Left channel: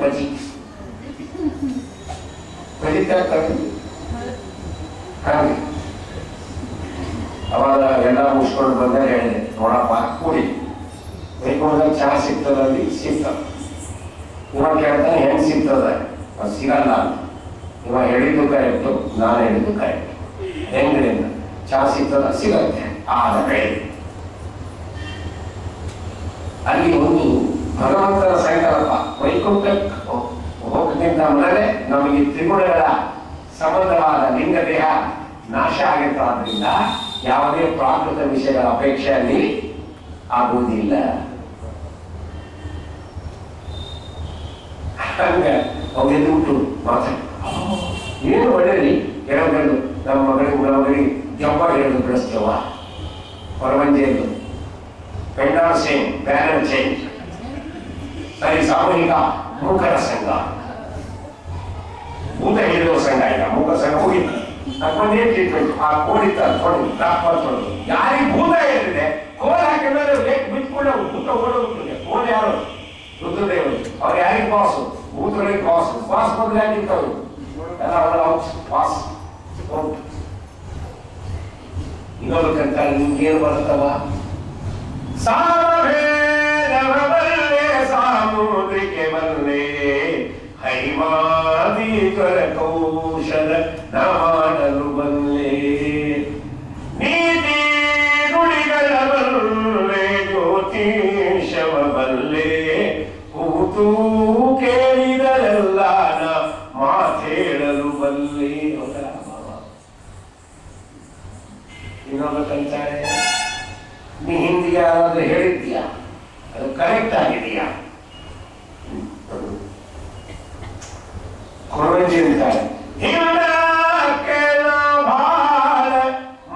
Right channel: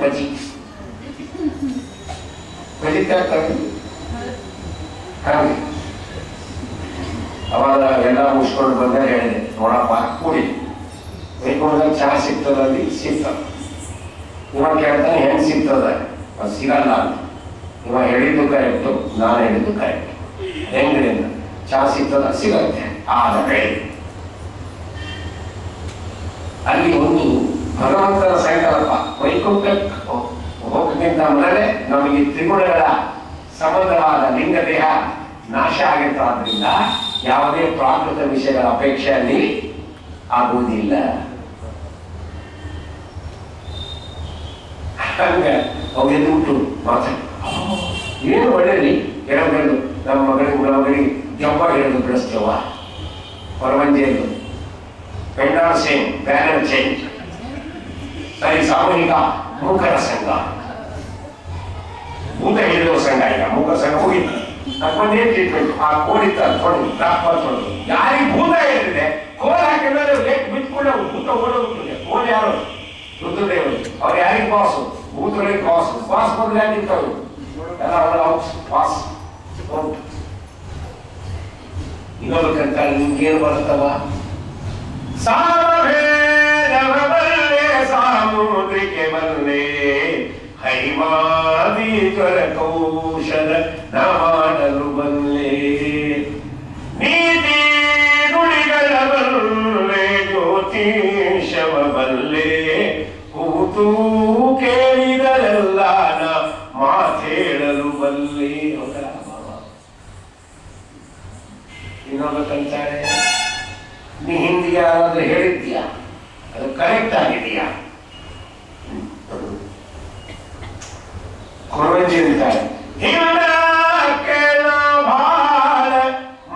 ಬಜ್ಜಿ ಬಜ್ಜಿ ಹಾಕ್ತಾರೆ ಹಾಗೆ. ಅವಾಗ ಎಲ್ಲ ಮುಗಿಸ್ಕೊಂಡು ಬಂದಾಗ ಹೇಳಿದೆ, ನೋಡಪ್ಪ ಕುಡಿ ಬೈಕೊಂಡಾಗ ಚಹಾ ಸಿಗ್ತದಲ್ಲಿ ಸಿಗ್ತದೆ. ಇವಾಗ ಕೇಳ್ತಾನೆ ಹೆಂಗೆ ಸಿಗ್ತದೆ, ಅದು ಸಿಗಲ್ಲ ಅಂತ. ಇವಾಗ ಹೇಳಿದ್ದು ಕರೆಕ್ಟು, ನಾನು ಹೇಳಿದ್ದು ಕರೆಕ್ಟ್. ಹೆಂಗ್ರಿ ಅಂತ ಚಹಾ ಸಿಗ್ತದ, ಸಿಗತ್ತೆ. ಆದರೆ ಅಲ್ಲಿ ಒಂದು ಭಗವಂತನ ಸಂಕಲ್ಪ, ವೈಕುಂಠಕ್ಕೆ ಹೋಗಕ್ಕಿಂತ ಮೊದಲೇ ನಮಗೆ ತ್ರಿಗುಣಗಳ ಸಂಬಂಧವಾದ ಲಿಂಗ ದೇಹ ನಾಶ ಆಗಿರ್ತಾದ್ರಿಂದ ಯಾವುದೇ ಪ್ರಾಕೃತ ವಿಷಯಗಳ ಅಪೇಕ್ಷೆ ಅಲ್ಲಿ ಆಗುವುದಿಲ್ಲ. ಹಂಗ ಅವೆಲ್ಲ ಉಂಟು ಮಾತಾಡಿ ಏನು ಒಳ್ಳೆಯದು ಹೇಳೋದು. ನಮ್ಮ ಮಗಳಿಗೆ ಜಂಬ ಹೇಳೋದು ಬಿಡಿಸ್ತೇವ, ಹೊರವಂಜೆಯದು ಪೆಂಡಾಲ್ ಸೇಮ್ ಬ್ಯಾನರ್ ಚೇಂಜ್. ಸರಿ, ಸಾಮೂಹಿಕ ಮೂಕರ ಸಂಘ, ಭೂತ ಹೇಳಿರುವ ಸಂಘ. ಈಗ ಮೂಕರ ಸಂಘ ಹೋಗಿತ್ತು, ಅದಕ್ಕೊಂದೇನು ಟ್ರೀಟ್ಮೆಂಟ್, ಆ ಕೋಡಿತ್ತ ತೊಡಗಿ ತೊಡಗಿ ಯಾರಿಗೆ ಭೂತ ಹೇಳಿದೆ ಕೋಲ್ ಹಾಕಿದ್ರೆ ಬಿಟ್ಕೊಂಡು ಭೂತ ಓಡೋಗ್ತದೆ. ಕೋಲ್ ಯಾರು? ರುದ್ರದೇವರು. ಅವ್ರು ಯಾರಿಗೆ ಬಾಸು? ಭೂತಗಳಿಗೆ ಬಾಸು. ಬಾಸ್ ಬಂದ್ರೆ ಯಾಕಿರ್ತಾವೆ ಎಲ್ಲ ಬಾಸ್. ಇನ್ನೊಂದಕ್ಕಂತ ನಿಮ್ಗೇನು ಬರ್ತವ? ಸಾಮಭೇದವಲ್ಲೇ ಸಾಮುದ್ರಿಕೆ ಬಲ್ಲೆ ಹೈಮಾದೀಶ್ವರ ಕೌಶಲ ನ ಮಾಡಲು ಬಲ್ಲೆ ನೀತಿ ನುಡಿಗಳ ಬಲ್ಲೆ ಜ್ಯೋತಿಷವ ಬಲ್ಲೆ ಕೂತು ಕೇಳಿದರೆಲ್ಲ ಮಾತೇಳಲು ಬಲ್ಲೆ. ಇನ್ನೊಂದಕ್ಕಂತಾರೆ, ನೀ ಹಿಂದಿಗೆ ಯಾರಾದ್ರೂ ಹೇಳಿದ್ಯಾ, ಅದು ಕರೆಕ್ಟ್ ಆಗಿದೆಯಾ? ಕೊರವಂಜಿ ಅಂತಾರೆ, ಭಾಳ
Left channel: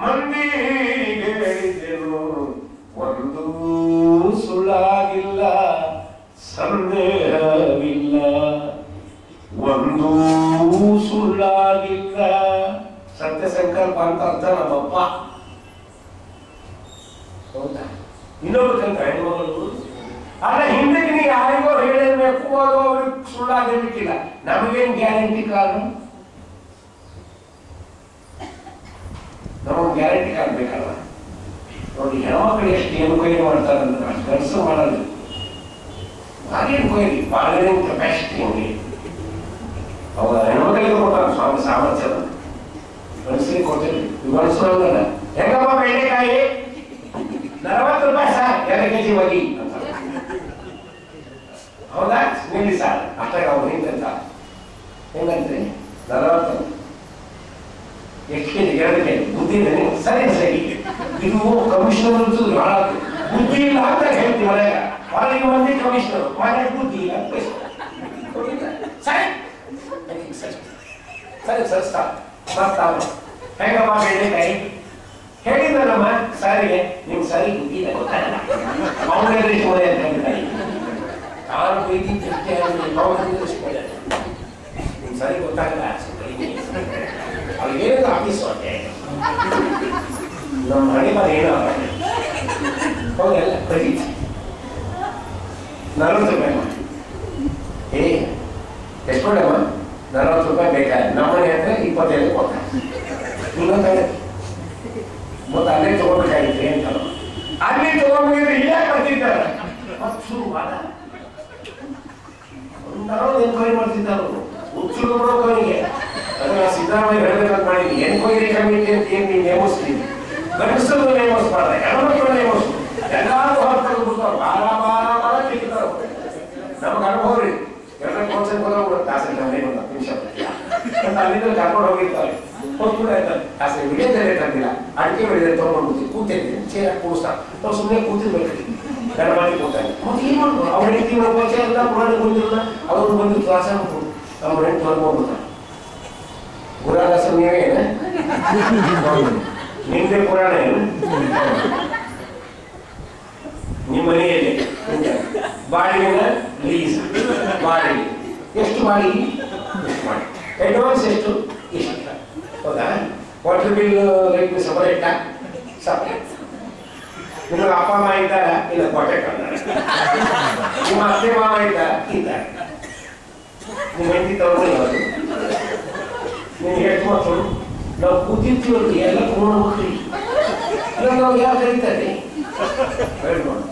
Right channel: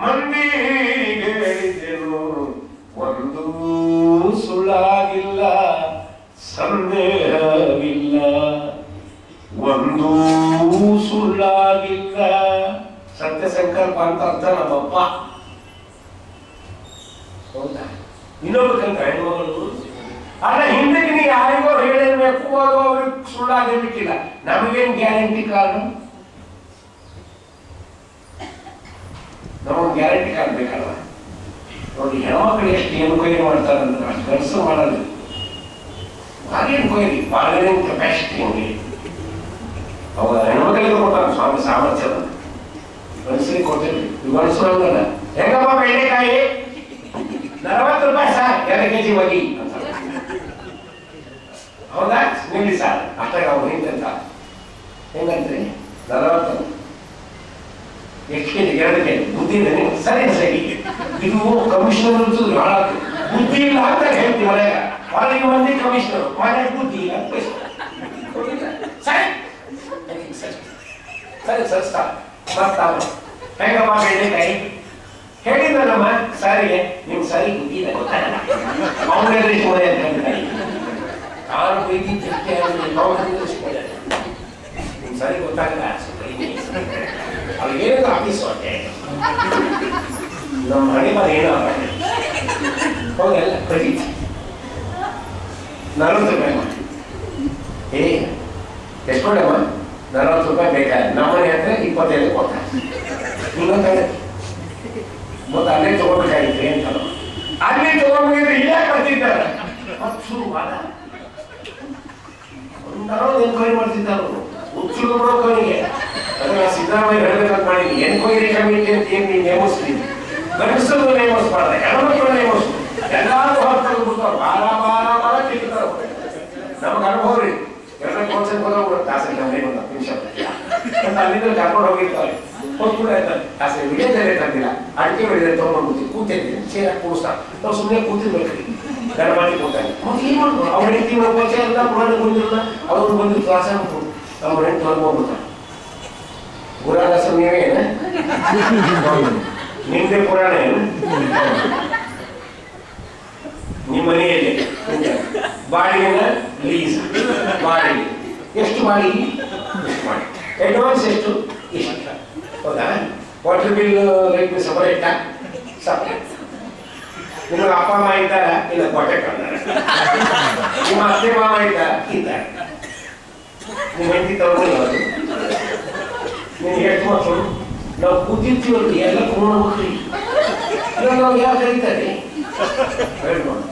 ಮಂದಿಗೆ ಹೇಳಿದೆನು, ಒಂದು ಸುಳ್ಳಾಗಿಲ್ಲ, ಸಂದೇಹವಿಲ್ಲ, ಒಂದು ಸುಳ್ಳಾಗಿಲ್ಲ. ಸತ್ಯ ಸಂಕಲ್ಪ ಅಂತ ಅರ್ಥ ನಮ್ಮಪ್ಪ. ಹೌದಾ? ಇನ್ನೊಬ್ಬಕ್ಕಂತ ಹೆಣ್ಮಗಳು ಅಲ್ಲ, ಹಿಂದಕ್ಕೆ ನೀವು ಯಾರಿಗೋ ಹೇಳಿರ್ಬೇಕು, ಅದು ಅವ್ರಿಗೆ ಸುಳ್ಳಾಗಿರ್ಲಿಕ್ಕಿಲ್ಲ. ನಮಗೇನು ಗ್ಯಾರಂಟಿ ಕಾರ್ಡು? ನಮಗೆ ಗ್ಯಾರಂಟಿ ಕಾರ್ಡ್ ಬೇಕಲ್ಲ. ನೋಡಿ, ಹೆಣ್ಮಕ್ಳು ಎಷ್ಟು ಎನ್ಕ್ವೈರಿ ಮಾಡ್ತಾರಂದ್ರೆ ಅಷ್ಟು ಕೆಲಸ ಮಾಡಲ್ಲ. ಭಾರಿ ಎನ್ಕ್ವೈರಿ, ಬಾರ್ಗನಿಂಗ್ ಕೆಪಾಸಿಟಿ ಹಂಗೆ. ಅವಾಗ ಹೆಣ್ಮಕ್ಳಿಗೆ ಕೊಡ್ತಾರೆ ಸ್ವಾಮಿ ಸಾಮರ್ಥ್ಯ. ಮನುಷ್ಯರಿಗೆ ಕೊಡ್ತೇವೆ, ಮನುಷ್ಯರಲ್ಲ. ಹೆಂಗಪ್ಪ ಬೆಂಡೆಕಾಯಿ? 40 ರೂಪಾಯಿ ಸರ್, 2 ಕೆಜಿ ಬಗಿ. ಹೌದಾ? ನಿಲ್ಲಿ ಸರ್, ಅಷ್ಟಾಗ ಅವ್ರು ನಿಂತ ಹೆಂಗಂತ್ರಿ? 40 ಎಷ್ಟು ಕೆಜಿ? 2 ಕೆಜಿ. ಬುದ್ಧಿ ಇದೆ ನೀವು? ಸರಿ ಸರಿ, ಇದು ಕಮಿಷನರ್ ಇರ್ತದೆ, ಭಾಳ ಬುದ್ಧಿ ಇಲ್ಲ ಅಂತ ಹೇಳ್ತೀವಿ. ಹೊರಗೆ ಮಂದಿ ಕಮಿಷನರ್, ಮನೆಗೆ ಬುದ್ಧಿ ಇಲ್ಲ. ಸರಿ ಸರಿ ಸರಿಸ್ತಾ ಬರ್ತಾವ. ಹೆಂಗಪ್ಪ ಬೆಂಡೆಕಾಯಿ? ಹೇಳಿದ್ನಲ್ಲಮ್ಮ ಸಾರಿಗೆ, ನಿಮ್ ಸರಿ ಬುದ್ಧಿ ಇಲ್ಲ, ಗೊತ್ತಾಗಲ್ಲ. ಅವನಿಗೆ ಶೋಧೆ ಅಂತ ಹೇಳ್ತಾರೆ. ನಾನು ಬೈದಿ ನಿಮ್ ಸರಿ ಗೊತ್ತಾಗಲ್ಲ. ಅವ್ರಿಗೇನು ಆಫೀಸ್ ಹೊಟ್ಟೆ ನಮ್ಮ ಹಣೆ ಬರ ಏನೋ ಹೌದಲ್ಲ. ಕಡಿ 40 ರೂಪಾಯಿ ಮಾಡಿ. ಎಷ್ಟು ಕೊಡಮ್ಮ? 40 ರೂಪಾಯಿ ಬೇಕಾದ್ರೆ ನಮ್ಮನೆ ಹತ್ರ 25 ಕೊಟ್ಟ. ಇನ್ನೊಂದು ಮತ್ತೆ ಅಲ್ಲೇ ತಗೋಬೇಕಾಗಿತ್ತು ಅಂತ ಅಲ್ಲಿ ತಗೊಂಡ್ರೆ ಇಲ್ಲೇ ಬರ್ತಿದ್ದಾರೆ. ಎನ್ಕ್ವೈರಿ ಮಾಡ್ತಿದ್ದಾರೆ ಹುಚ್ಚುರು ಬಿಡೋಕವನಿಗೆ. ಅದನ್ನ ಸಿದ್ದರಾಮಯ್ಯ ಹೇಳ್ಬೇಕಂತ ಮಾಡಿದ್ವಿ. ಎನ್ಕ್ವೈರಿ ಕಮಿಟಿ ಅಂತ ಏನ್ ನೀವು ನೇಮಿಸ್ತೀವಿ? ಗಂಡಸರು ನೇಮಿಸ್ಬಾರ್ದ, ಹೆಣ್ಮಕ್ಳು ನೇಮಿಸ್ತು. ಎಲ್ಲಾರು ಹೊರ ತೆಗೆದ್ಬಿಡ್ತಾವ. ಬಾರ ಬಾರ ಬಾರ ತಿಂತಾರೆ. ನಮ್ಗೆ ಅನುಭವ ರೀ. ಎಲ್ಲ ಕೋನ್ಸೆಪ್ಟ್ ಹೋಗ್ಬಿಡುತ್ತೆ. ತಾಸೆ ಮನೆ ಒಂದು 10 ನಿಮಿಷ ಅಲ್ಲಿಂದ ಕರ್ಕೊಂಡು ಹೋಗಿರ್ತಾರೆ. ಹೋಗ್ಬಿಡ ಆಯ್ತಾರೆ. ತಾಸೆ ವಿಡಿಯೋದಲ್ಲೇ ತಂದಿಲ್ಲ, ಅಡಿಕೆ ಬೆಳೆದ ತಗೊಂಡ್ಬಿಡ್ತೀವಿ. ಕೂತಿರ್ತೀವಿ, ಚೇರ ಕೂಡಿಸ್ತಾರೆ. ನಾವು ಸುಮ್ಮನೆ ಕೂತಿರ್ಬೇಕ್ರಿ. ಗಣಮಾಡಿ ಕೂತಾನೆ. ಮತ್ತೆ ಏನು ಮಾಡ್ಬೋದು? ಅವ್ರ ಹೆಂಡತಿ ಹೋಗ್ಬೋಚೆ ಎಲ್ಲ ಪುರಾಣ ಬಂದಿರಲ್ಲ. ಅವ್ರು ಬಂದು ಕ್ಲಾಸ ಅವ್ರ ಹೆಂಡತಿ ಹೊರಗೋಗ್ಬಿಡ್ತಾರೆ. ಪುರಾಣ ನೀವೇ ನಿಮ್ದೇ ಪುರಾಣ ಏನು? ನಿಮ್ಮ ಮನೆಯಲ್ಲಿ ಬಾಡಿಗೆನ ಲೀಸ್ ಬಾಡಿಗೆ ಎಷ್ಟು ಮಾಡಿ ಅಡ್ವಾನ್ಸ್ ಎಷ್ಟು ಇಷ್ಟು ಹೌದಾ? Water bill light separate separate. ನಿಮಗೆ ಅಪ್ಪ ಅಮ್ಮ ಇದ್ದಾರ ಇಲ್ಲ ಕೊಟ್ಟೆ ಕಳ್ದಾರ. ನಿಮ್ಮ ಅತ್ತೆ ಮಾಮ ಇದ್ದಾರ ಇದ್ದಾರೆ. ನಿಮ್ಮ ಹೆಂಡತಿ ತಗೊಂಡು ಯಾವುದು ನೀನು ಎಷ್ಟು ಮಕ್ಕಳು ನಾವು ಕೂತಿರ್ತೀವಲ್ರಿ ಎಲ್ಲ ಕೂಡ್ಬೇಕ್ರಿ ಇಲ್ಲ ನಾವು ಯಾವ ಕರೀತಾರೆ ಹೇಳ್ಬೋದು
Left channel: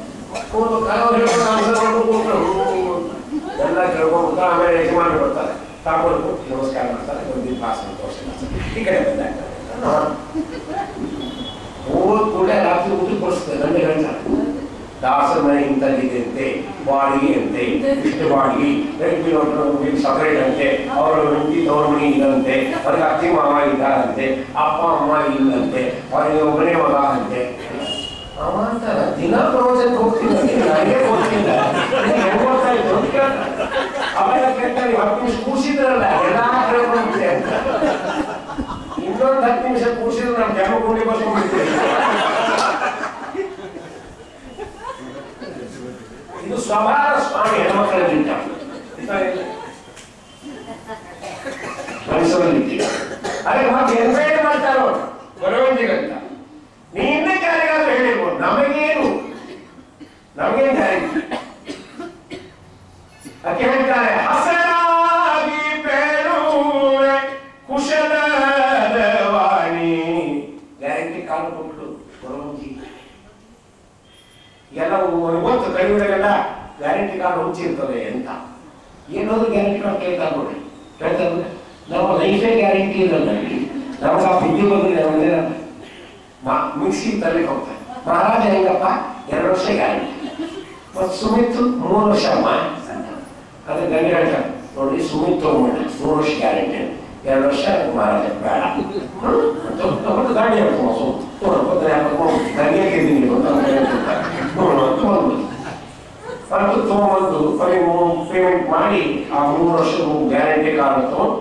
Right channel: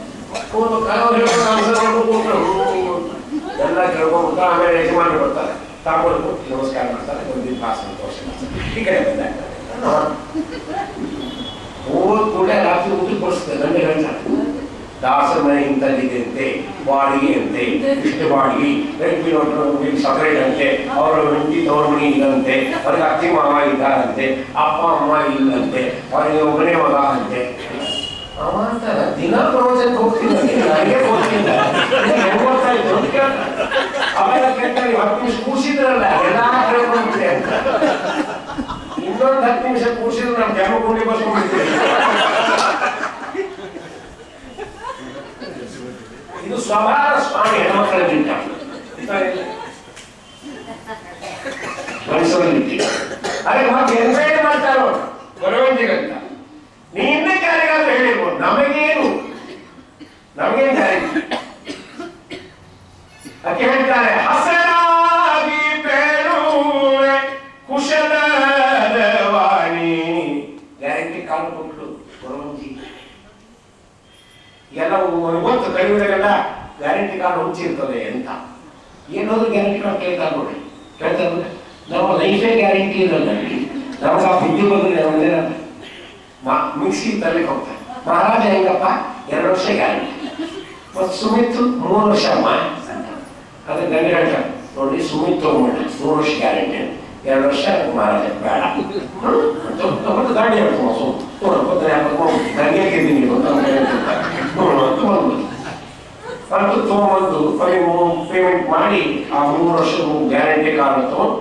ಎಲ್ಲ ಕೇಳ್ಕೊಂಡು ಆಮೇಲೆ ಯಜಮಾನರು ಬರ್ತಾರೆ ತಾಂಬೂಲ ಕೊಟ್ಟು ನಮಸ್ಕಾರ ಮಾಡ್ತಾರೆ ಒಂದು ಪಾಸ್ ತೋರಿಸಿ ಈ ಕಡೆ ಬಂದಾಗ ಹೋದ ಕೂಡ ರಾತ್ರಿ ಊಟ ಕೊಡಿಸ್ತೇವೆ ನಮಗೆ ಹೇಳ್ತಾರೆ ದಾಸರ ಮನೆ ಇಂಥದ್ದಿದೆ ಬಾಡಿಗೆ ಅಂತೆ ಇಷ್ಟು ಬಾಡಿಗೆ ಸಪರೇಟ್ ಅಂತೆ ಅವರ ಹೆಂಡತಿ ತವರ ಮನೆ ಇಲ್ಲಂತೆ ಅವ್ರಿಗೆ ಅತ್ತಿ ಮಾವ ಇದ್ದಾರಂತೆ ಅಪ್ಪ ಅಮ್ಮ ಇಲ್ಲಂತೆ ಅವರಿಗೆ ಒಬ್ಬನೇ ಮಗ ಅಂತೆ ಅವ ಅಂತಾರ ದಿನ ಪ್ರವಚನಕ್ಕೆ ಹೋಗ್ತೀನಿ ನನಗೆ ಗೊತ್ತಿಲ್ಲ ಗೊತ್ತಾ ಇತ್ತು ಅಂತ ಕೇಳ್ತಾರೆ ಅವೆಲ್ಲ ಕೇಳ್ತಾರೆ 10 ನಿಮಿಷ ಕೂರ್ಸಿದ್ರಲ್ಲ ಎಲ್ಲ ಕೇಳ್ಕೊಂಡ್ಬಿಟ್ಟೆ ಅಂತ ಇನ್ನೊಂದು 10 ನಿಮಿಷ ಕೂರ್ಸಿದ್ರೆ ನಮ್ಮ ಜನ್ಮ ಗುಂಡಿ ಬರ್ಸ್ಕೊಂಡ್ಬಿಡ್ತೀವಿ ಇದು ಸ್ವಭಾವ ಸ್ವಾಮಿ ಹೆಣ್ಮಕ್ಕಳಿಗಿಂತ ಮನಸ್ಸಲ್ಲಿ ಅದಕ್ಕೆ ಮತ್ತೆ ಎನ್ವೈರ್ ಮಾಡ್ತಾರೋ ಬರವಂತಿಗಂತ ನೀನೇ ಯಾರಿಗಾದ್ರೂ ಹೇಳಿರ್ಬೋದು ನಮಗೇನು ಗ್ಯಾರಂಟಿ ಅದಕ್ಕೆ ಹೇಳ್ತಾರೆ ಹಸನಾಗಿ ಬೇಡುವೆ ಕುಶಲದ ವಾಣಿ ಗ್ಯಾರಂಟಿ ಕಾಲು ಕೊಟ್ಟರು ಬರವಂತಿ ಎಲ್ಲ ಗೊತ್ತು ಕಲಿಯುವುದಕ್ಕೆಲ್ಲ ಗ್ಯಾರಂಟಿ ಕಾರ್ಡ್ ಹುಂಚಿರ್ತದೆ ಅಂತ ಏನಾದ್ರು ಗ್ಯಾರಂಟಿ ಕಾರ್ಡ್ ಕೇಳ್ತಾರೆ ನೋಡಿ ಕೇಳ್ತಾರೆ ನಮ್ಮ ಲೈಫೇ ಗ್ಯಾರಂಟಿ ಇರಲ್ಲ ನಮಗೆ ಆ ಬುದ್ಧಿ ಬಂದ್ರೆ ಮಿಕ್ಸಿ ತರಲಿಕ್ಕೆ ಹೋಗ್ತಾರೆ ಮಹಾರಾಜ ಹೆಂಗಪ್ಪ 2 ವರ್ಷ ಗ್ಯಾರಂಟಿ ಮತ್ತು ಸುಮಿತ್ 3 ವರ್ಷ ಅಮ್ಮ ಅದಕ್ಕೆ ಗಂಡ ಹೇಳ್ತಾರೆ ನೋಡಿ ಸುಮಿತ್ ತಗೊಂಡ್ಬಿಡ 3 ವರ್ಷ ಗ್ಯಾರಂಟಿ 2 ವರ್ಷ ಮಹಾರಾಜ ಬೇಡ ತಗೊಂಡು ಗಾಡಿ ನನಗೆ ತಗೊಂಡ್ಬಂದು ಪೇಮೆಂಟ್ ಮಾಡಿ ಆ 3 ವರ್ಷ ಗ್ಯಾರಂಟಿ ಕಾರ್ಡ್ ತಗೊಂಡು